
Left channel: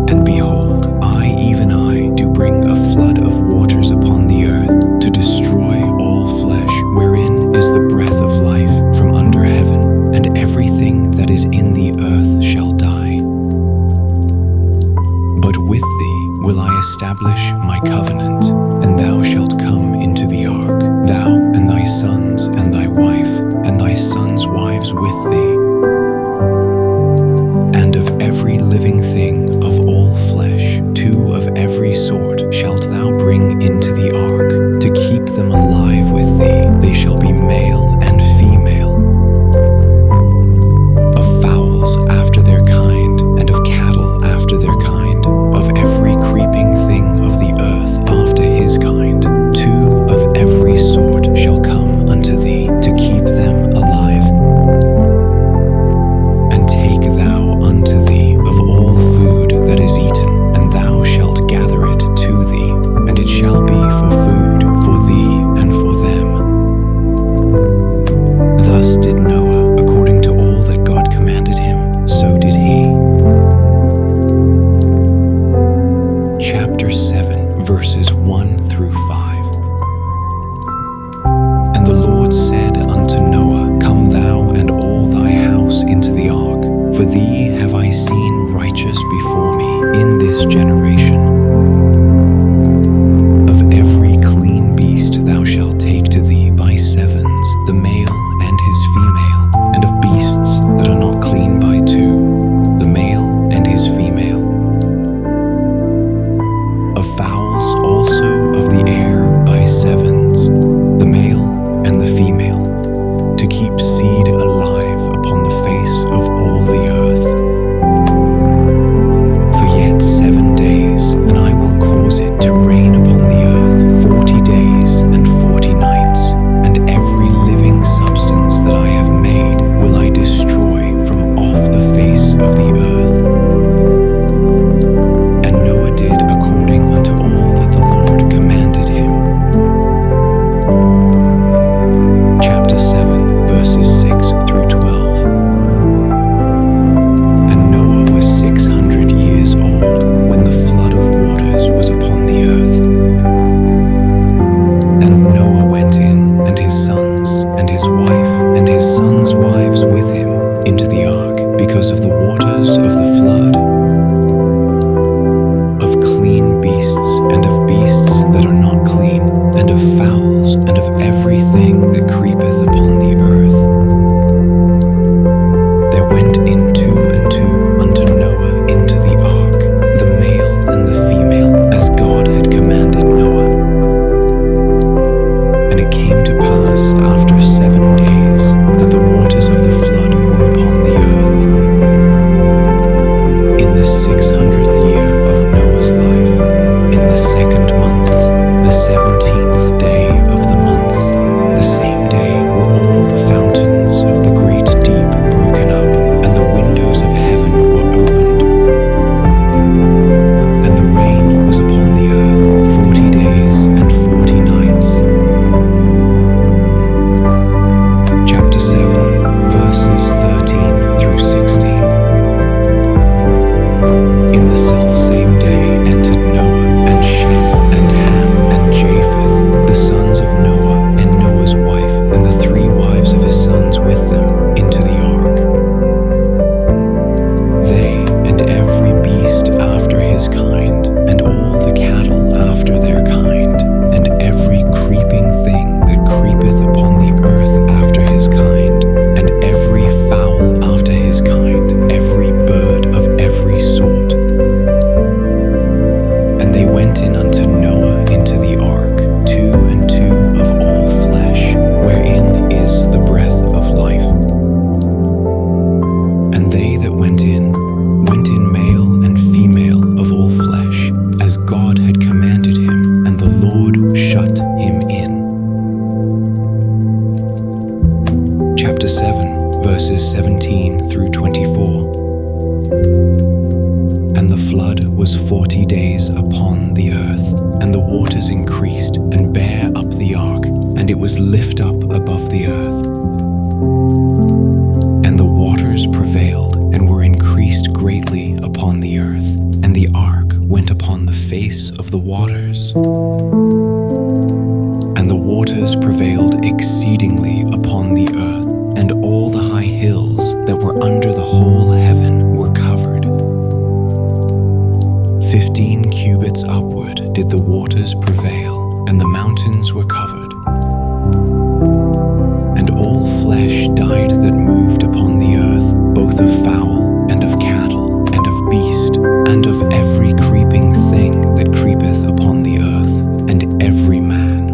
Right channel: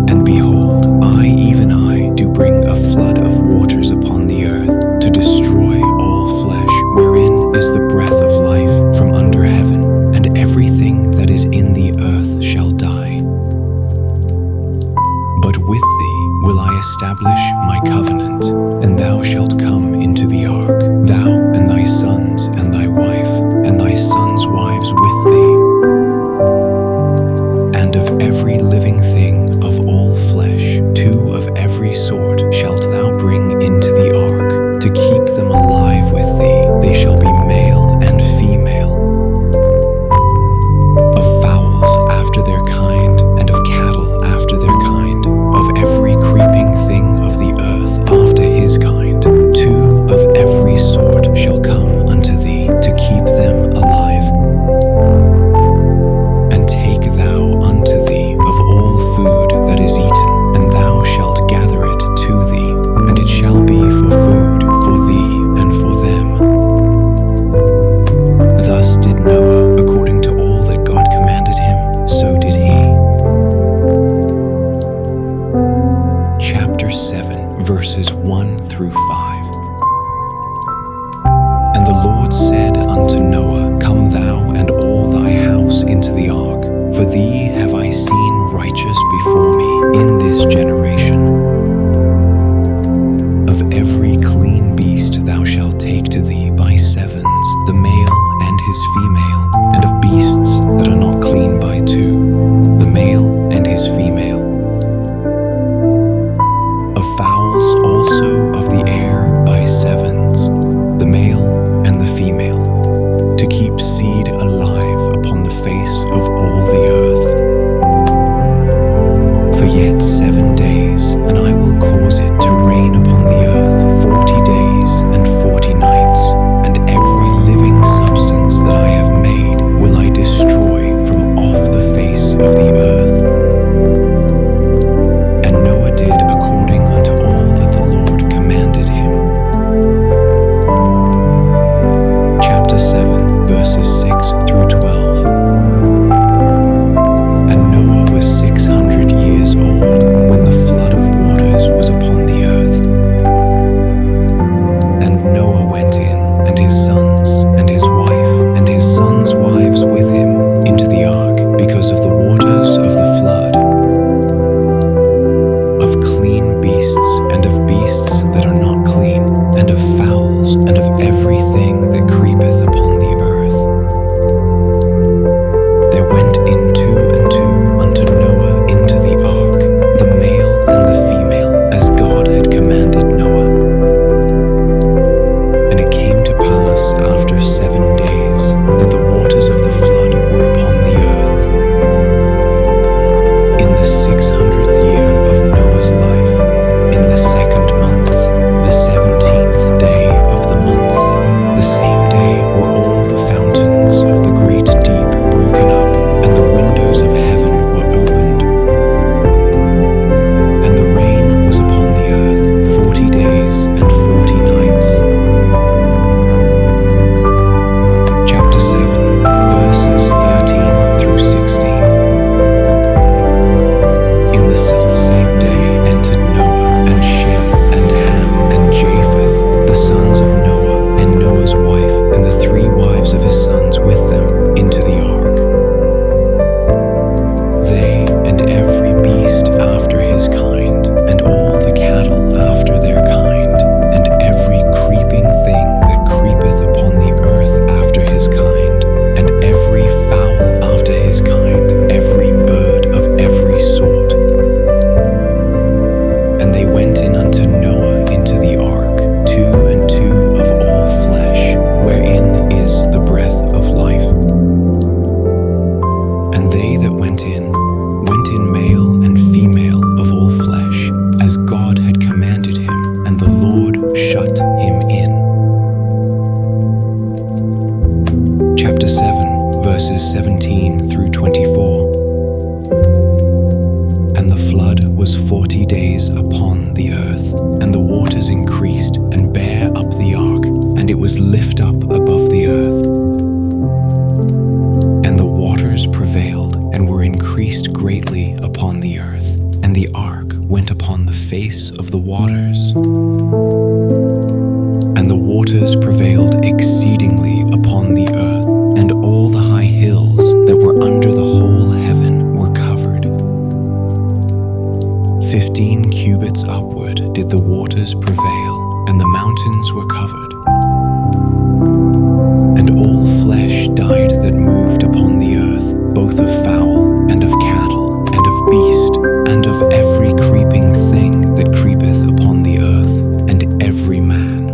And behold, I, even I, do bring a flood of waters upon the earth, to destroy all flesh, wherein is the breath of life from under heaven, and everything that is in the earth shall die. But with thee will I establish my covenant, and thou shalt come into the ark, thou and thy sons and thy wife, and thy sons' wives with thee. And of every living thing of all flesh, 2 of every sort shalt thou bring into the ark, to keep them alive with thee. They shall be male and female. Of fowls after their kind, and of cattle after their kind, of every creeping thing of the earth after his kind, 2 of every sort shall come unto thee, to keep them alive. And take thou unto thee of all food that is eaten, and thou shalt gather it to thee, and it shall be for food for thee and for them. Thus did Noah, according to all that God commanded him, so did he. Chapter 7, verses 1 through 5. And the Lord said unto Noah, Come thou and all thy house into the ark, for thee have I seen righteous before me in this generation. Of every clean beast thou shalt take to thee by sevens, the male and his female, and of beasts that are not clean by 2, the male and his female. Of fowls also of the air by sevens, the male and the female, to keep seed alive upon the face of all the earth. For yet 7 days, and I will cause it to rain upon the earth 40 days and 40 nights, and every living substance that I have made will I destroy from off the face of the earth. And Noah did according unto all that the Lord commanded him. Chapter 7, verses 6 through 12. And Noah was 600 years old when the flood of waters was upon the earth. And Noah went in, and his sons, and his wife, and his sons' wives with him, into the ark, because of the waters of the flood, of clean beasts, and of beasts that are not clean, and of fowls, and of everything that creepeth upon the earth. There went in 2 and 2 unto Noah into the ark, the male and the female, as God had commanded Noah. And it came to pass after 7 days that the waters of the flood were upon the earth. In the 600th year of Noah's life, in the 2nd month, the 17th day of the month, the same day were all the fountains of the great deep broken up, and the windows of went in male and female of all flesh, as God had commanded him, and the Lord shut him in. Chapter 7, verses 17 through 24. And the flood was 40 days upon the earth, and the waters increased and bare up the ark, and it was lift up above the earth. And the waters prevailed and were increased greatly upon the earth, and the ark went upon the face of the waters. And the waters prevailed exceedingly upon the earth, and all the high hills that were under the whole heaven were covered. 15 cubits upward did the waters prevail, and the mountains were covered. And all flesh died that moved upon the earth, both of fowl and of cattle and of beast, and of every creeping thing that creepeth upon the earth, and every man.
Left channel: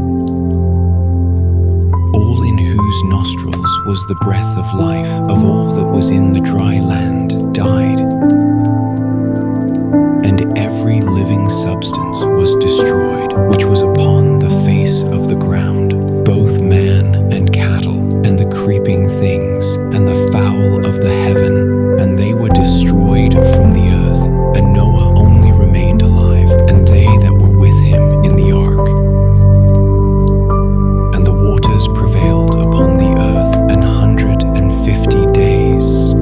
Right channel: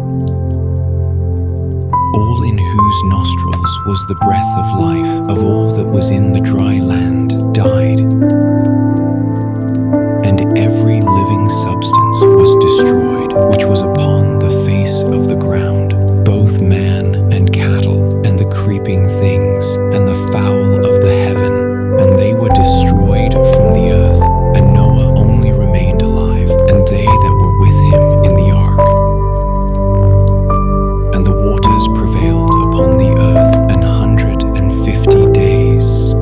All in whose nostrils was the breath of life of all that was in the dry land died. And every living substance was destroyed, which was upon the face of the ground, both man and cattle, and the creeping things, and the fowl of the heaven, and they were destroyed from the earth. And Noah only remained alive, and they that were with him in the ark. And the waters prevailed upon the earth 150 days.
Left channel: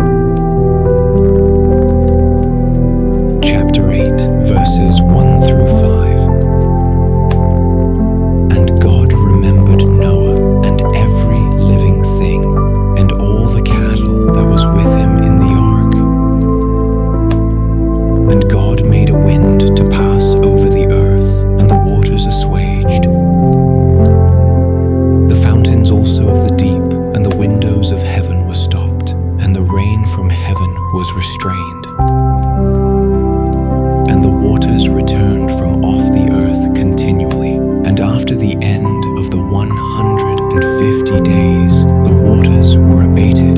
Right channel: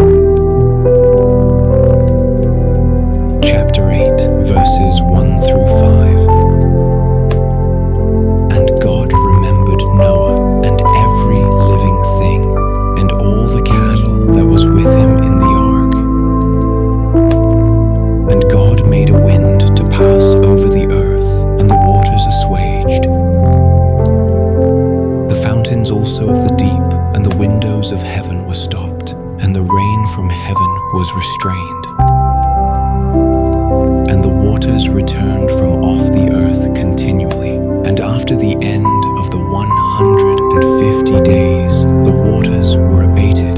Chapter 8, verses 1 through 5. And God remembered Noah and every living thing, and all the cattle that was with him in the ark. And God made a wind to pass over the earth, and the waters assuaged. The fountains also of the deep and the windows of heaven were stopped, and the rain from heaven was restrained. And the waters returned from off the earth continually. And after the end of the 150 days, the waters were abated.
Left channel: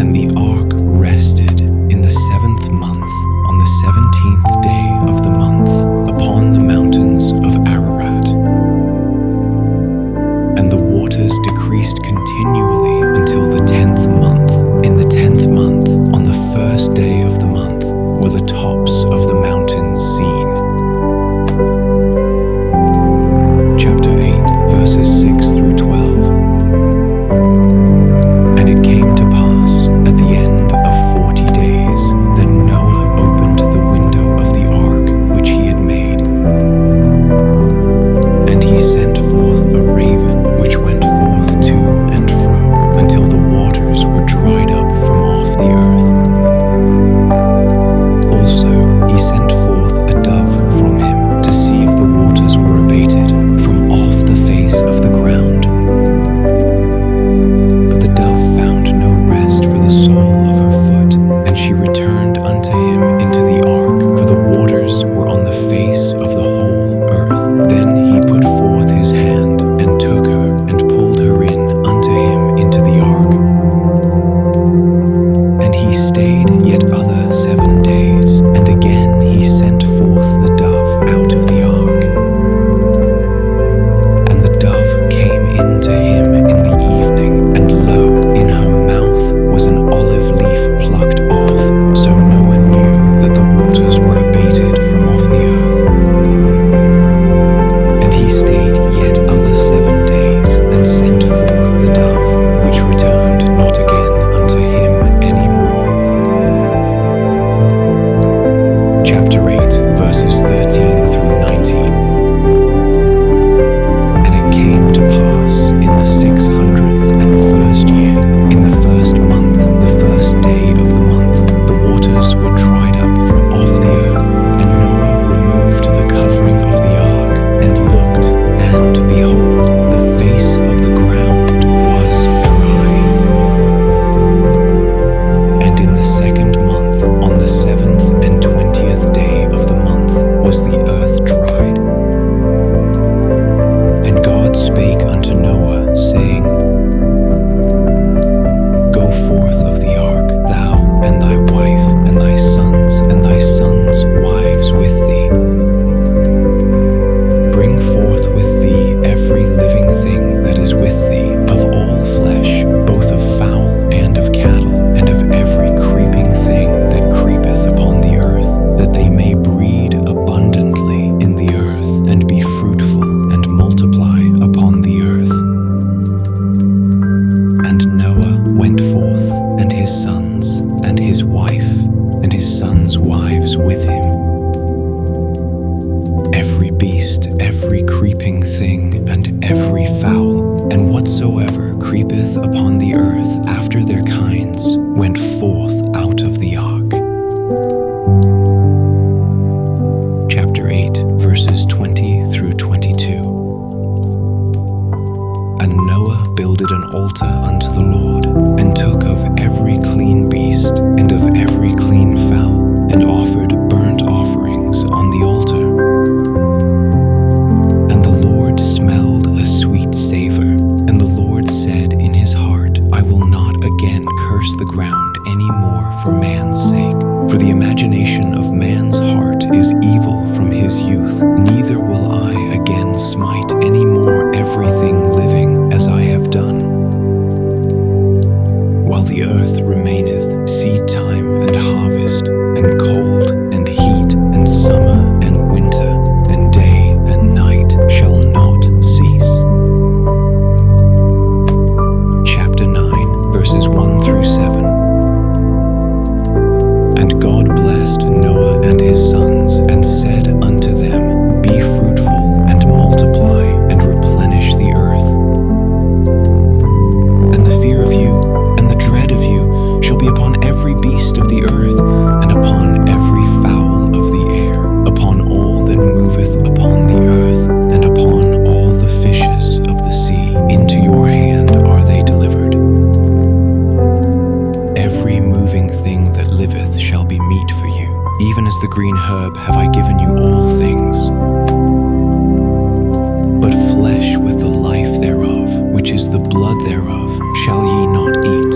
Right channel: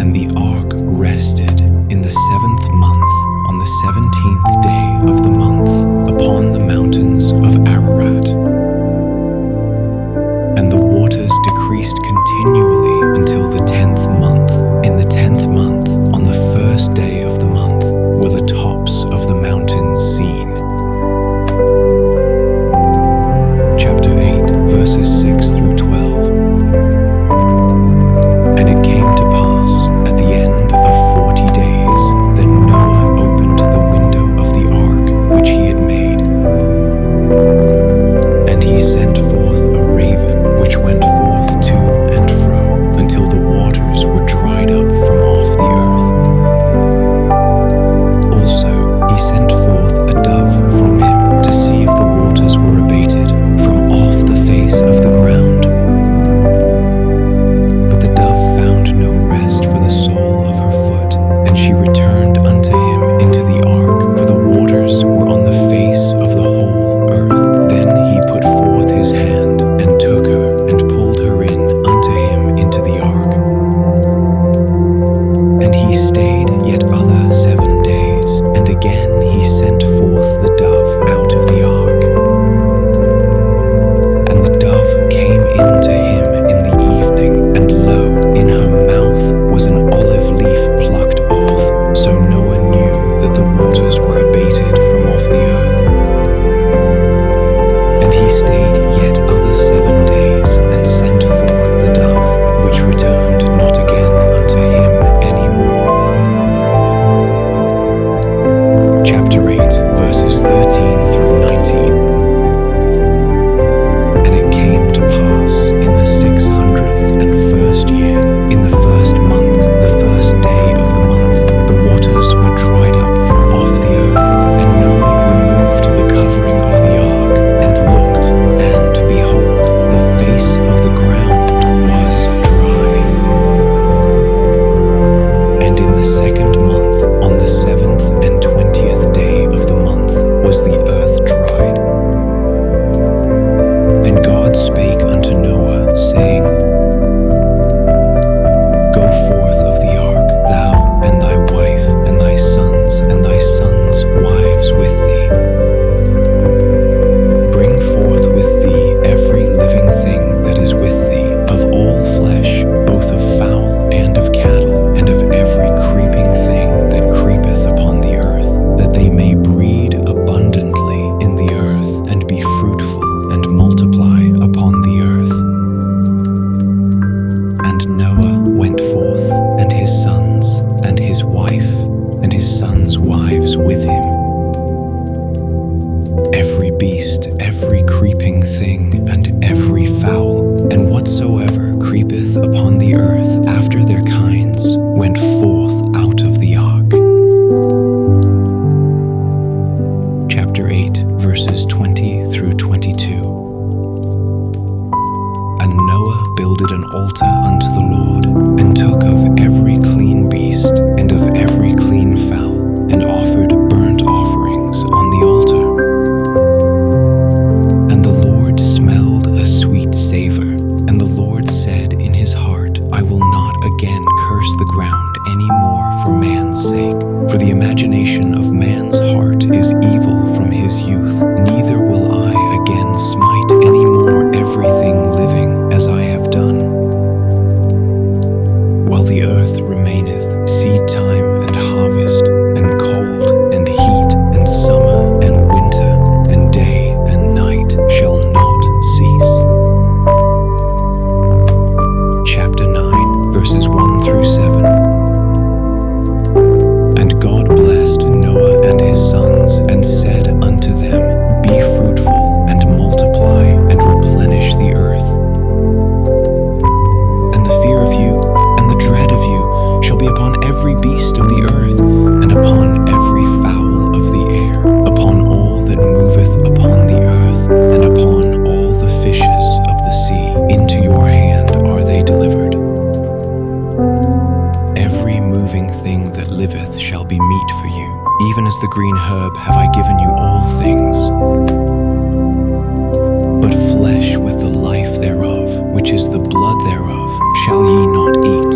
And the ark rested in the 7th month, on the 17th day of the month, upon the mountains of Ararat. And the waters decreased continually until the 10th month. In the 10th month, on the 1st day of the month, were the tops of the mountains seen. Chapter 8, verses 6 through 12. And it came to pass, at the end of 40 days, that Noah opened the window of the ark which he had made. And he sent forth a raven, which went forth to and fro, until the waters were dried up from off the earth. Also he sent forth a dove from him, to see if the waters were abated from off the face of the ground. But the dove found no rest for the sole of her foot, and she returned unto him into the ark, for the waters were on the face of the whole earth. Then he put forth his hand, and took her, and pulled her in unto him into the ark. And he stayed yet other 7 days, and again he sent forth the dove out of the ark. And the dove came in to him in the evening, and lo, in her mouth was an olive leaf plucked off. So Noah knew that the waters were abated from off the earth. And he stayed yet other 7 days, and sent forth the dove, which returned not again unto him any more. Chapter 8, verses 13 through 19. And it came to pass in the 601st year, in the 1st month, the 1st day Noah went forth, and his sons, and his wife, and his sons' wives with him. Every beast, every creeping thing, and every fowl, and whatsoever creepeth upon the earth after their kinds, went forth out of the ark. Chapter 8, verses 20 through 22. And Noah builded an altar unto the Lord, and took of every clean beast, and of every clean fowl, and offered burnt offerings on the altar. And the Lord smelled a sweet savor, and the Lord said in his heart, I will not again curse the ground any more for man's sake. For the imagination of man's heart is evil from his youth, neither will I again smite any more everything living as I have done. While the earth remaineth, seed time and harvest, and cold and heat, and summer and winter, and day and night shall not cease. Chapter 9, verses 1 through 7. And God blessed Noah and his sons, and said unto them, Be fruitful, and multiply, and replenish the earth. And the fear of you, and the dread of you, shall be upon every beast of the earth, and upon every fowl of the air, upon all that moveth upon the earth, and upon all the fishes of the sea. Into your hand are they delivered. Every moving thing that liveth shall be meat for you. Even as the green herb have I given you all things. But flesh with the life thereof, which is the blood thereof, shall ye not eat.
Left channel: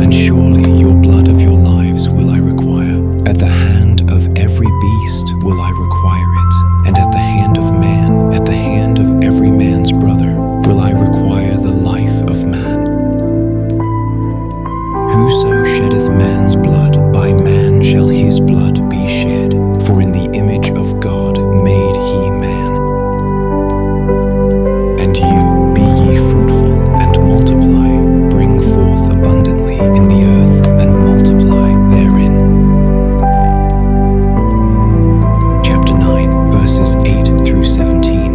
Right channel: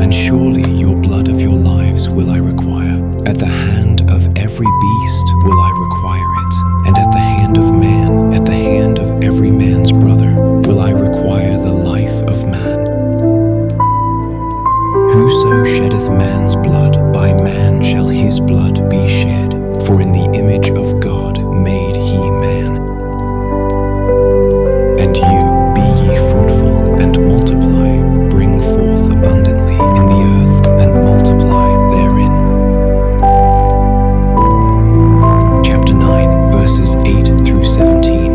And surely your blood of your lives will I require. At the hand of every beast will I require it, and at the hand of man, at the hand of every man's brother, will I require the life of man. Whoso sheddeth man's blood, by man shall his blood be shed. For in the image of God made he man. And you, be ye fruitful, and multiply, bring forth abundantly in the earth, and multiply therein. Chapter 9, verses 8 through 17.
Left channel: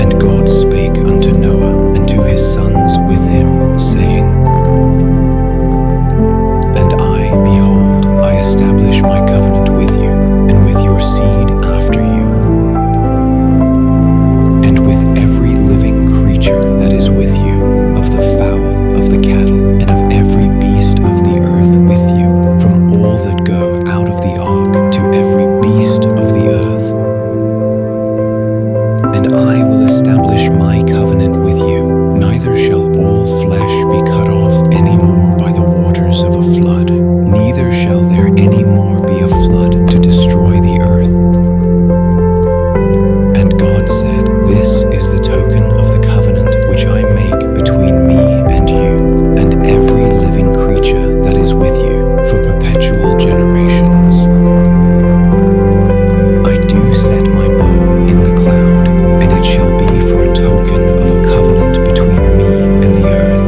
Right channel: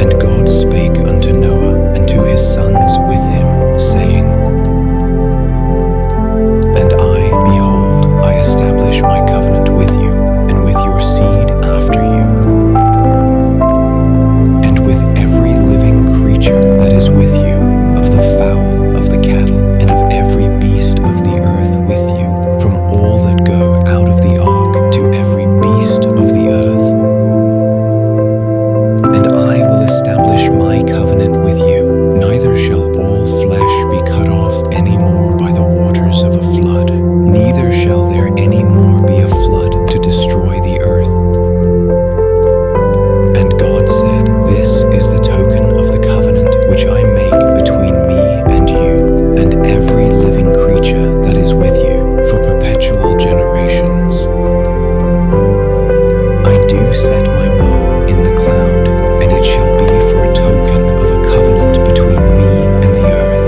And God spake unto Noah, and to his sons with him, saying, And I, behold, I establish my covenant with you, and with your seed after you, and with every living creature that is with you, of the fowl, of the cattle, and of every beast of the earth with you, from all that go out of the ark to every beast of the earth. And I will establish my covenant with you, neither shall all flesh be cut off any more by the waters of a flood, neither shall there any more be a flood to destroy the earth. And God said, This is the token of the covenant which I make between me and you, and every living creature that is with you, for perpetual generations. I do set my bow in the cloud, and it shall be for a token of a covenant between me and the earth.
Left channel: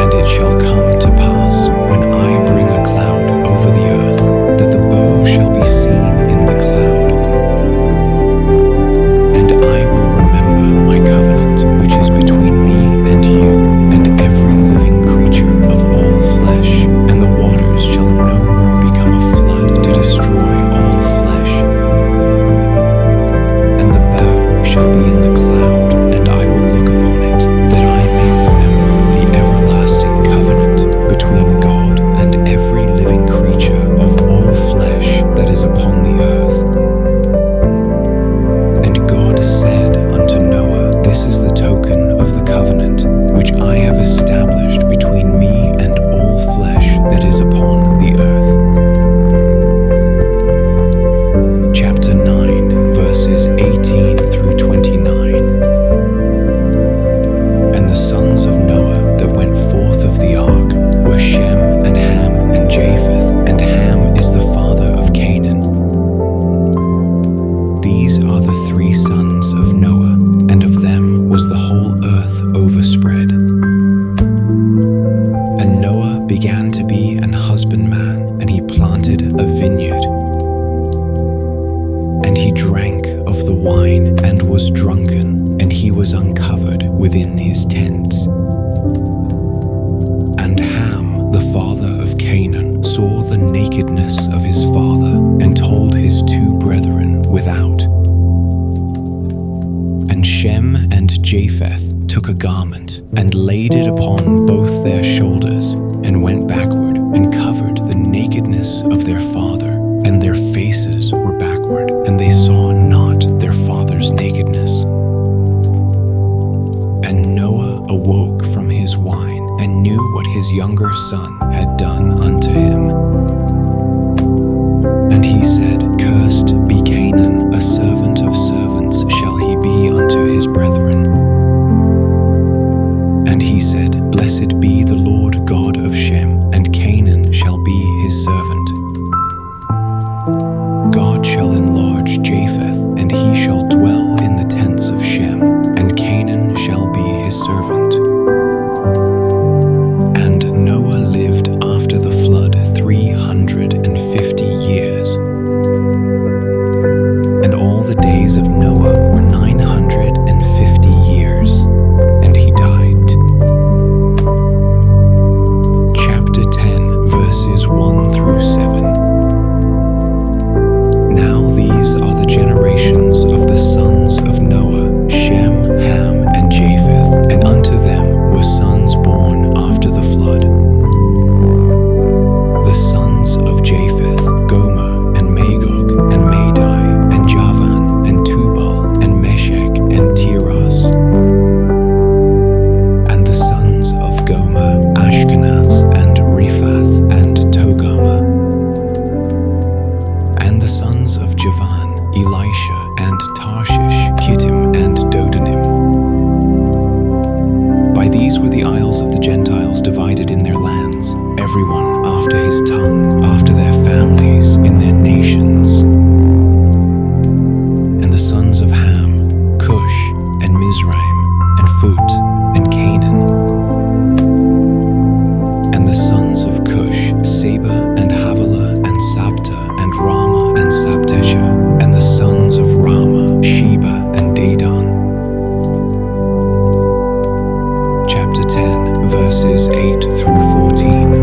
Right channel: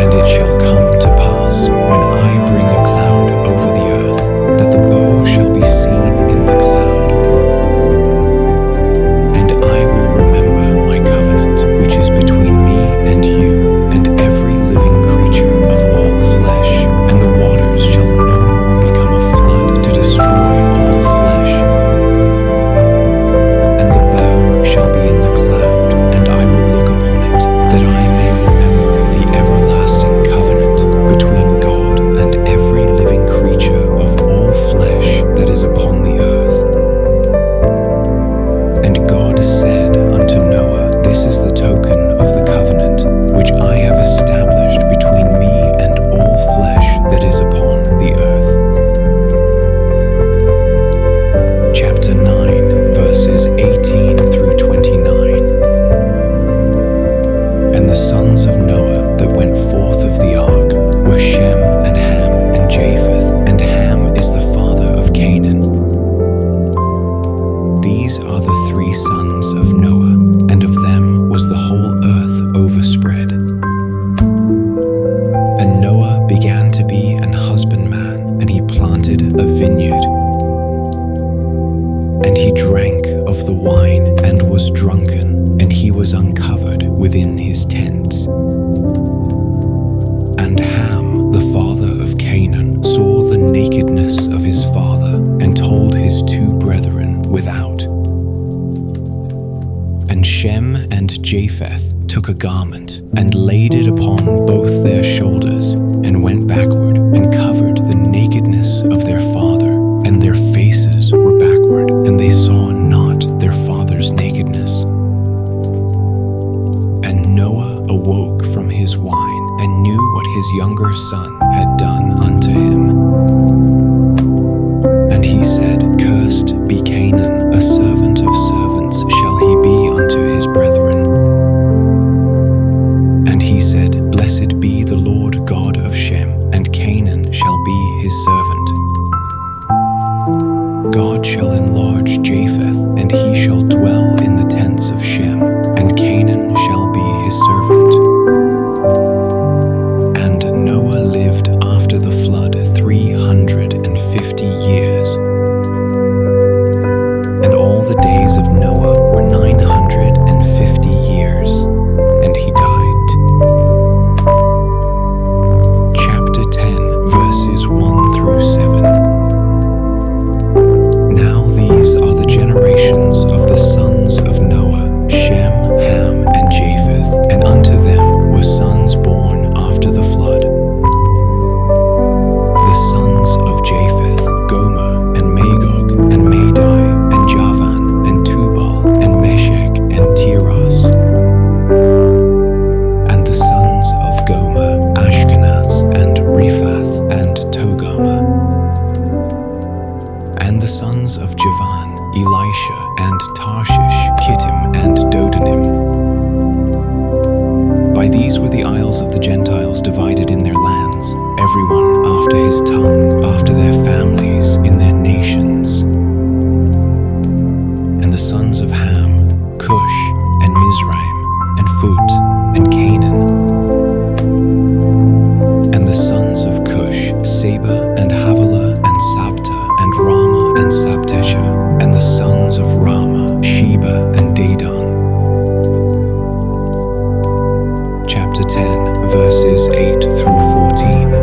And it shall come to pass, when I bring a cloud over the earth, that the bow shall be seen in the cloud. And I will remember my covenant, which is between me and you, and every living creature of all flesh, and the waters shall no more become a flood to destroy all flesh. And the bow shall be in the cloud, and I will look upon it, that I may remember the everlasting covenant between God and every living creature of all flesh that is upon the earth. And God said unto Noah, This is the token of the covenant which I have established between me and all flesh that is upon the earth. Chapter 9, verses 18 through 29. And the sons of Noah that went forth of the ark were Shem and Ham and Japheth, and Ham is the father of Canaan. These are the three sons of Noah, and of them was the whole earth overspread. And Noah began to be an husbandman, and he planted a vineyard. And he drank of the wine and was drunken, and he was uncovered within his tent. And Ham, the father of Canaan, saw the nakedness of his father, and told his two brethren without. And Shem and Japheth took a garment, and laid it upon both their shoulders, and went backward, and covered the nakedness of their father, and their faces were backward, and they saw not their father's nakedness. And Noah awoke from his wine, and knew what his younger son had done unto him. And he said, Cursed be Canaan, a servant of servants shall he be unto his brethren. And he said, Blessed be the Lord God of Shem, and Canaan shall be his servant. God shall enlarge Japheth, and he shall dwell in the tents of Shem, and Canaan shall be his servant. And Noah lived after the flood 350 years. And all the days of Noah were 950 years, and he died. Chapter 10, verses 1 through 7. Now these are the generations of the sons of Noah, Shem, Ham, and Japheth, and unto them were sons born after the flood. The sons of Japheth, Gomer, and Magog, and Madai, and Javan, and Tubal, and Meshech, and Tiras. And the sons of Gomer, Ashkenaz, and Riphath, and Togarmah. And the sons of Javan, Elisha, and Tarshish, Kittim, and Dodanim. By these were the isles of the Gentiles divided in their lands, everyone after his tongue, after their families, in their nations. And the sons of Ham, Cush, and Mizraim, and Phut, and Canaan. And the sons of Cush, Seba, and Havilah, and Sabta, and Rama, and Sabtesha. And the sons of Rama, Sheba, and Dedan. Chapter 10, verses 8 through 14.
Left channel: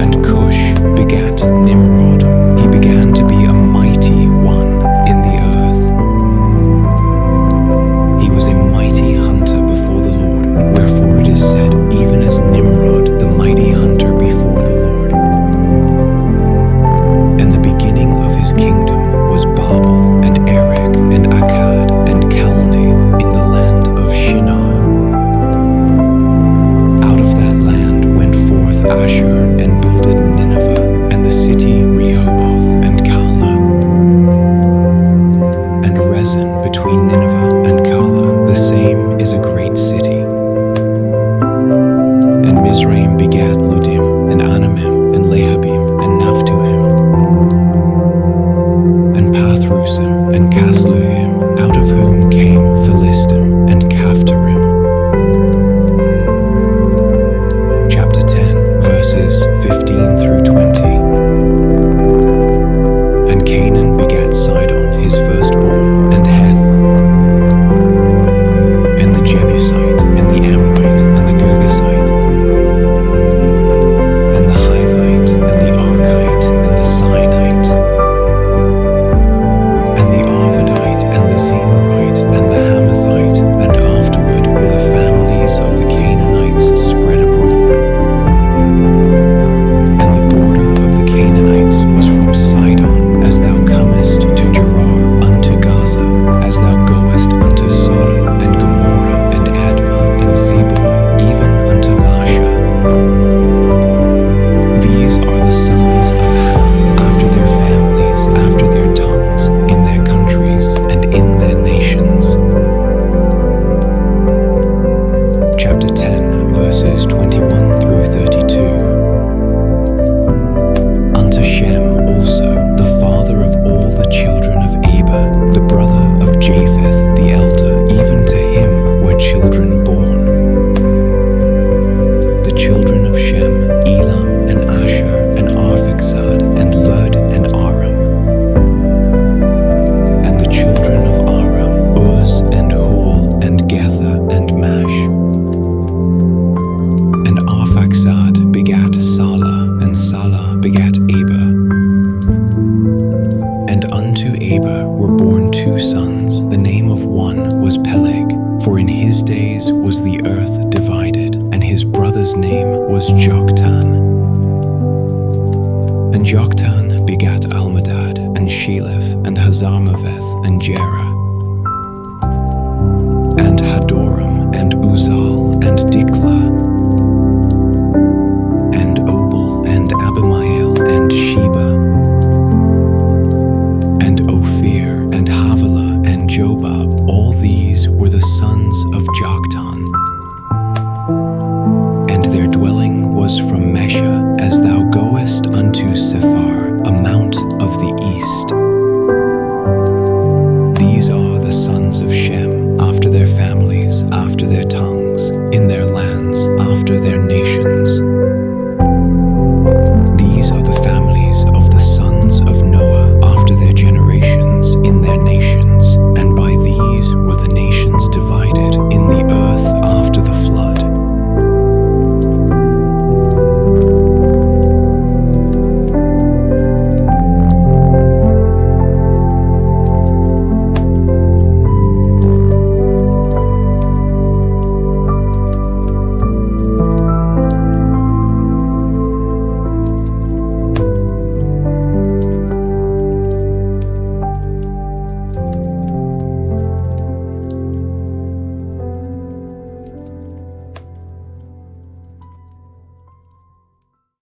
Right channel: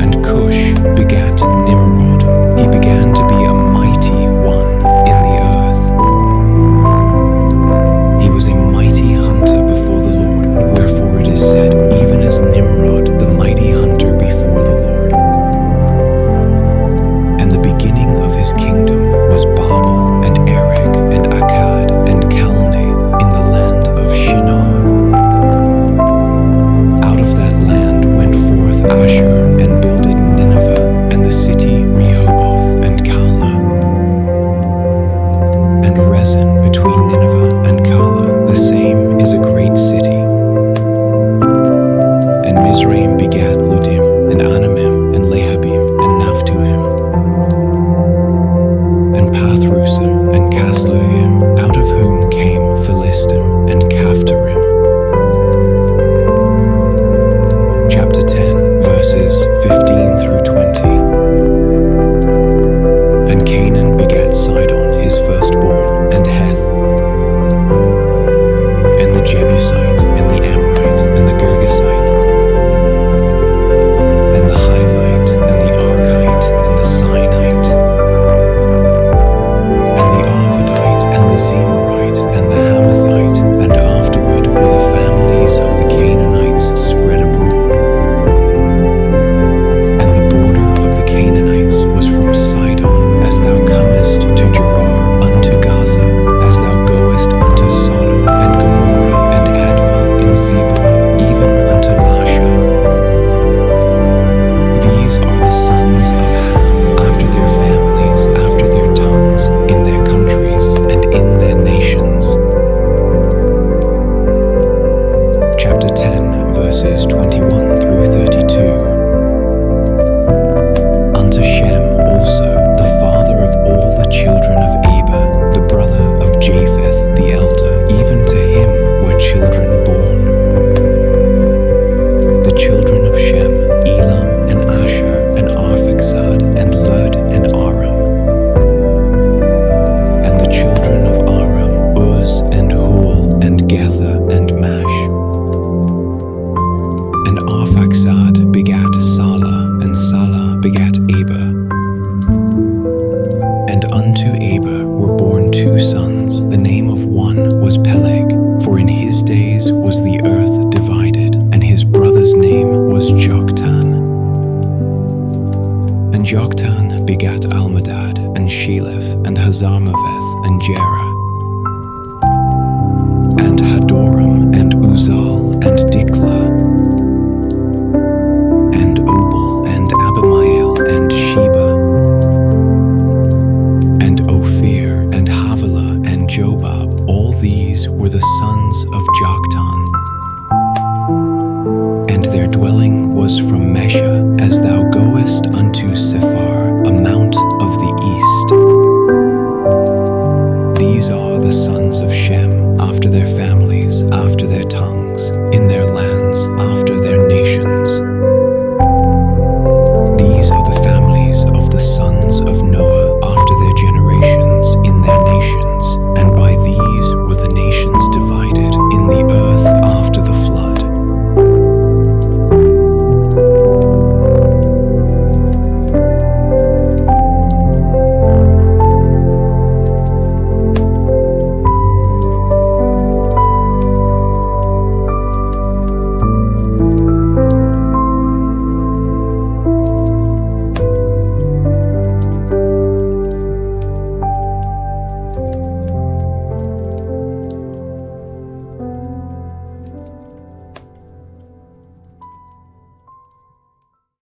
And Cush begat Nimrod. He began to be a mighty one in the earth. He was a mighty hunter before the Lord, wherefore it is said, even as Nimrod, the mighty hunter before the Lord. And the beginning of his kingdom was Babel, and Erech, and Akkad, and Calneh, in the land of Shinar. Out of that land went forth Ashur, and builded Nineveh, and the city Rehoboth, and Calah. And Rezin between Nineveh and Calah, the same is a great city. And Mizraim begat Ludim, and Anamim, and Lehabim, and Naphtuhim, and Pathrusim, and Casluhim, out of whom came Philistim, and Caphtorim. Chapter 10, verses 15 through 20. And Canaan begat Sidon his firstborn, and Heth, his days was the earth divided, and his brother's name was Joktan. And Joktan begat Almadad, and Sheleph, and Hazarmaveth, and Jerah, and Hadoram, and Uzal, and Diklah, and Obal, and Abimael, and Sheba, and Ophir, and Havilah, and Jobab. All these were the sons of Joktan. And their dwelling was from Mesha, as thou goest unto Sephar, a mount of the east. These are the sons of Shem, after their families.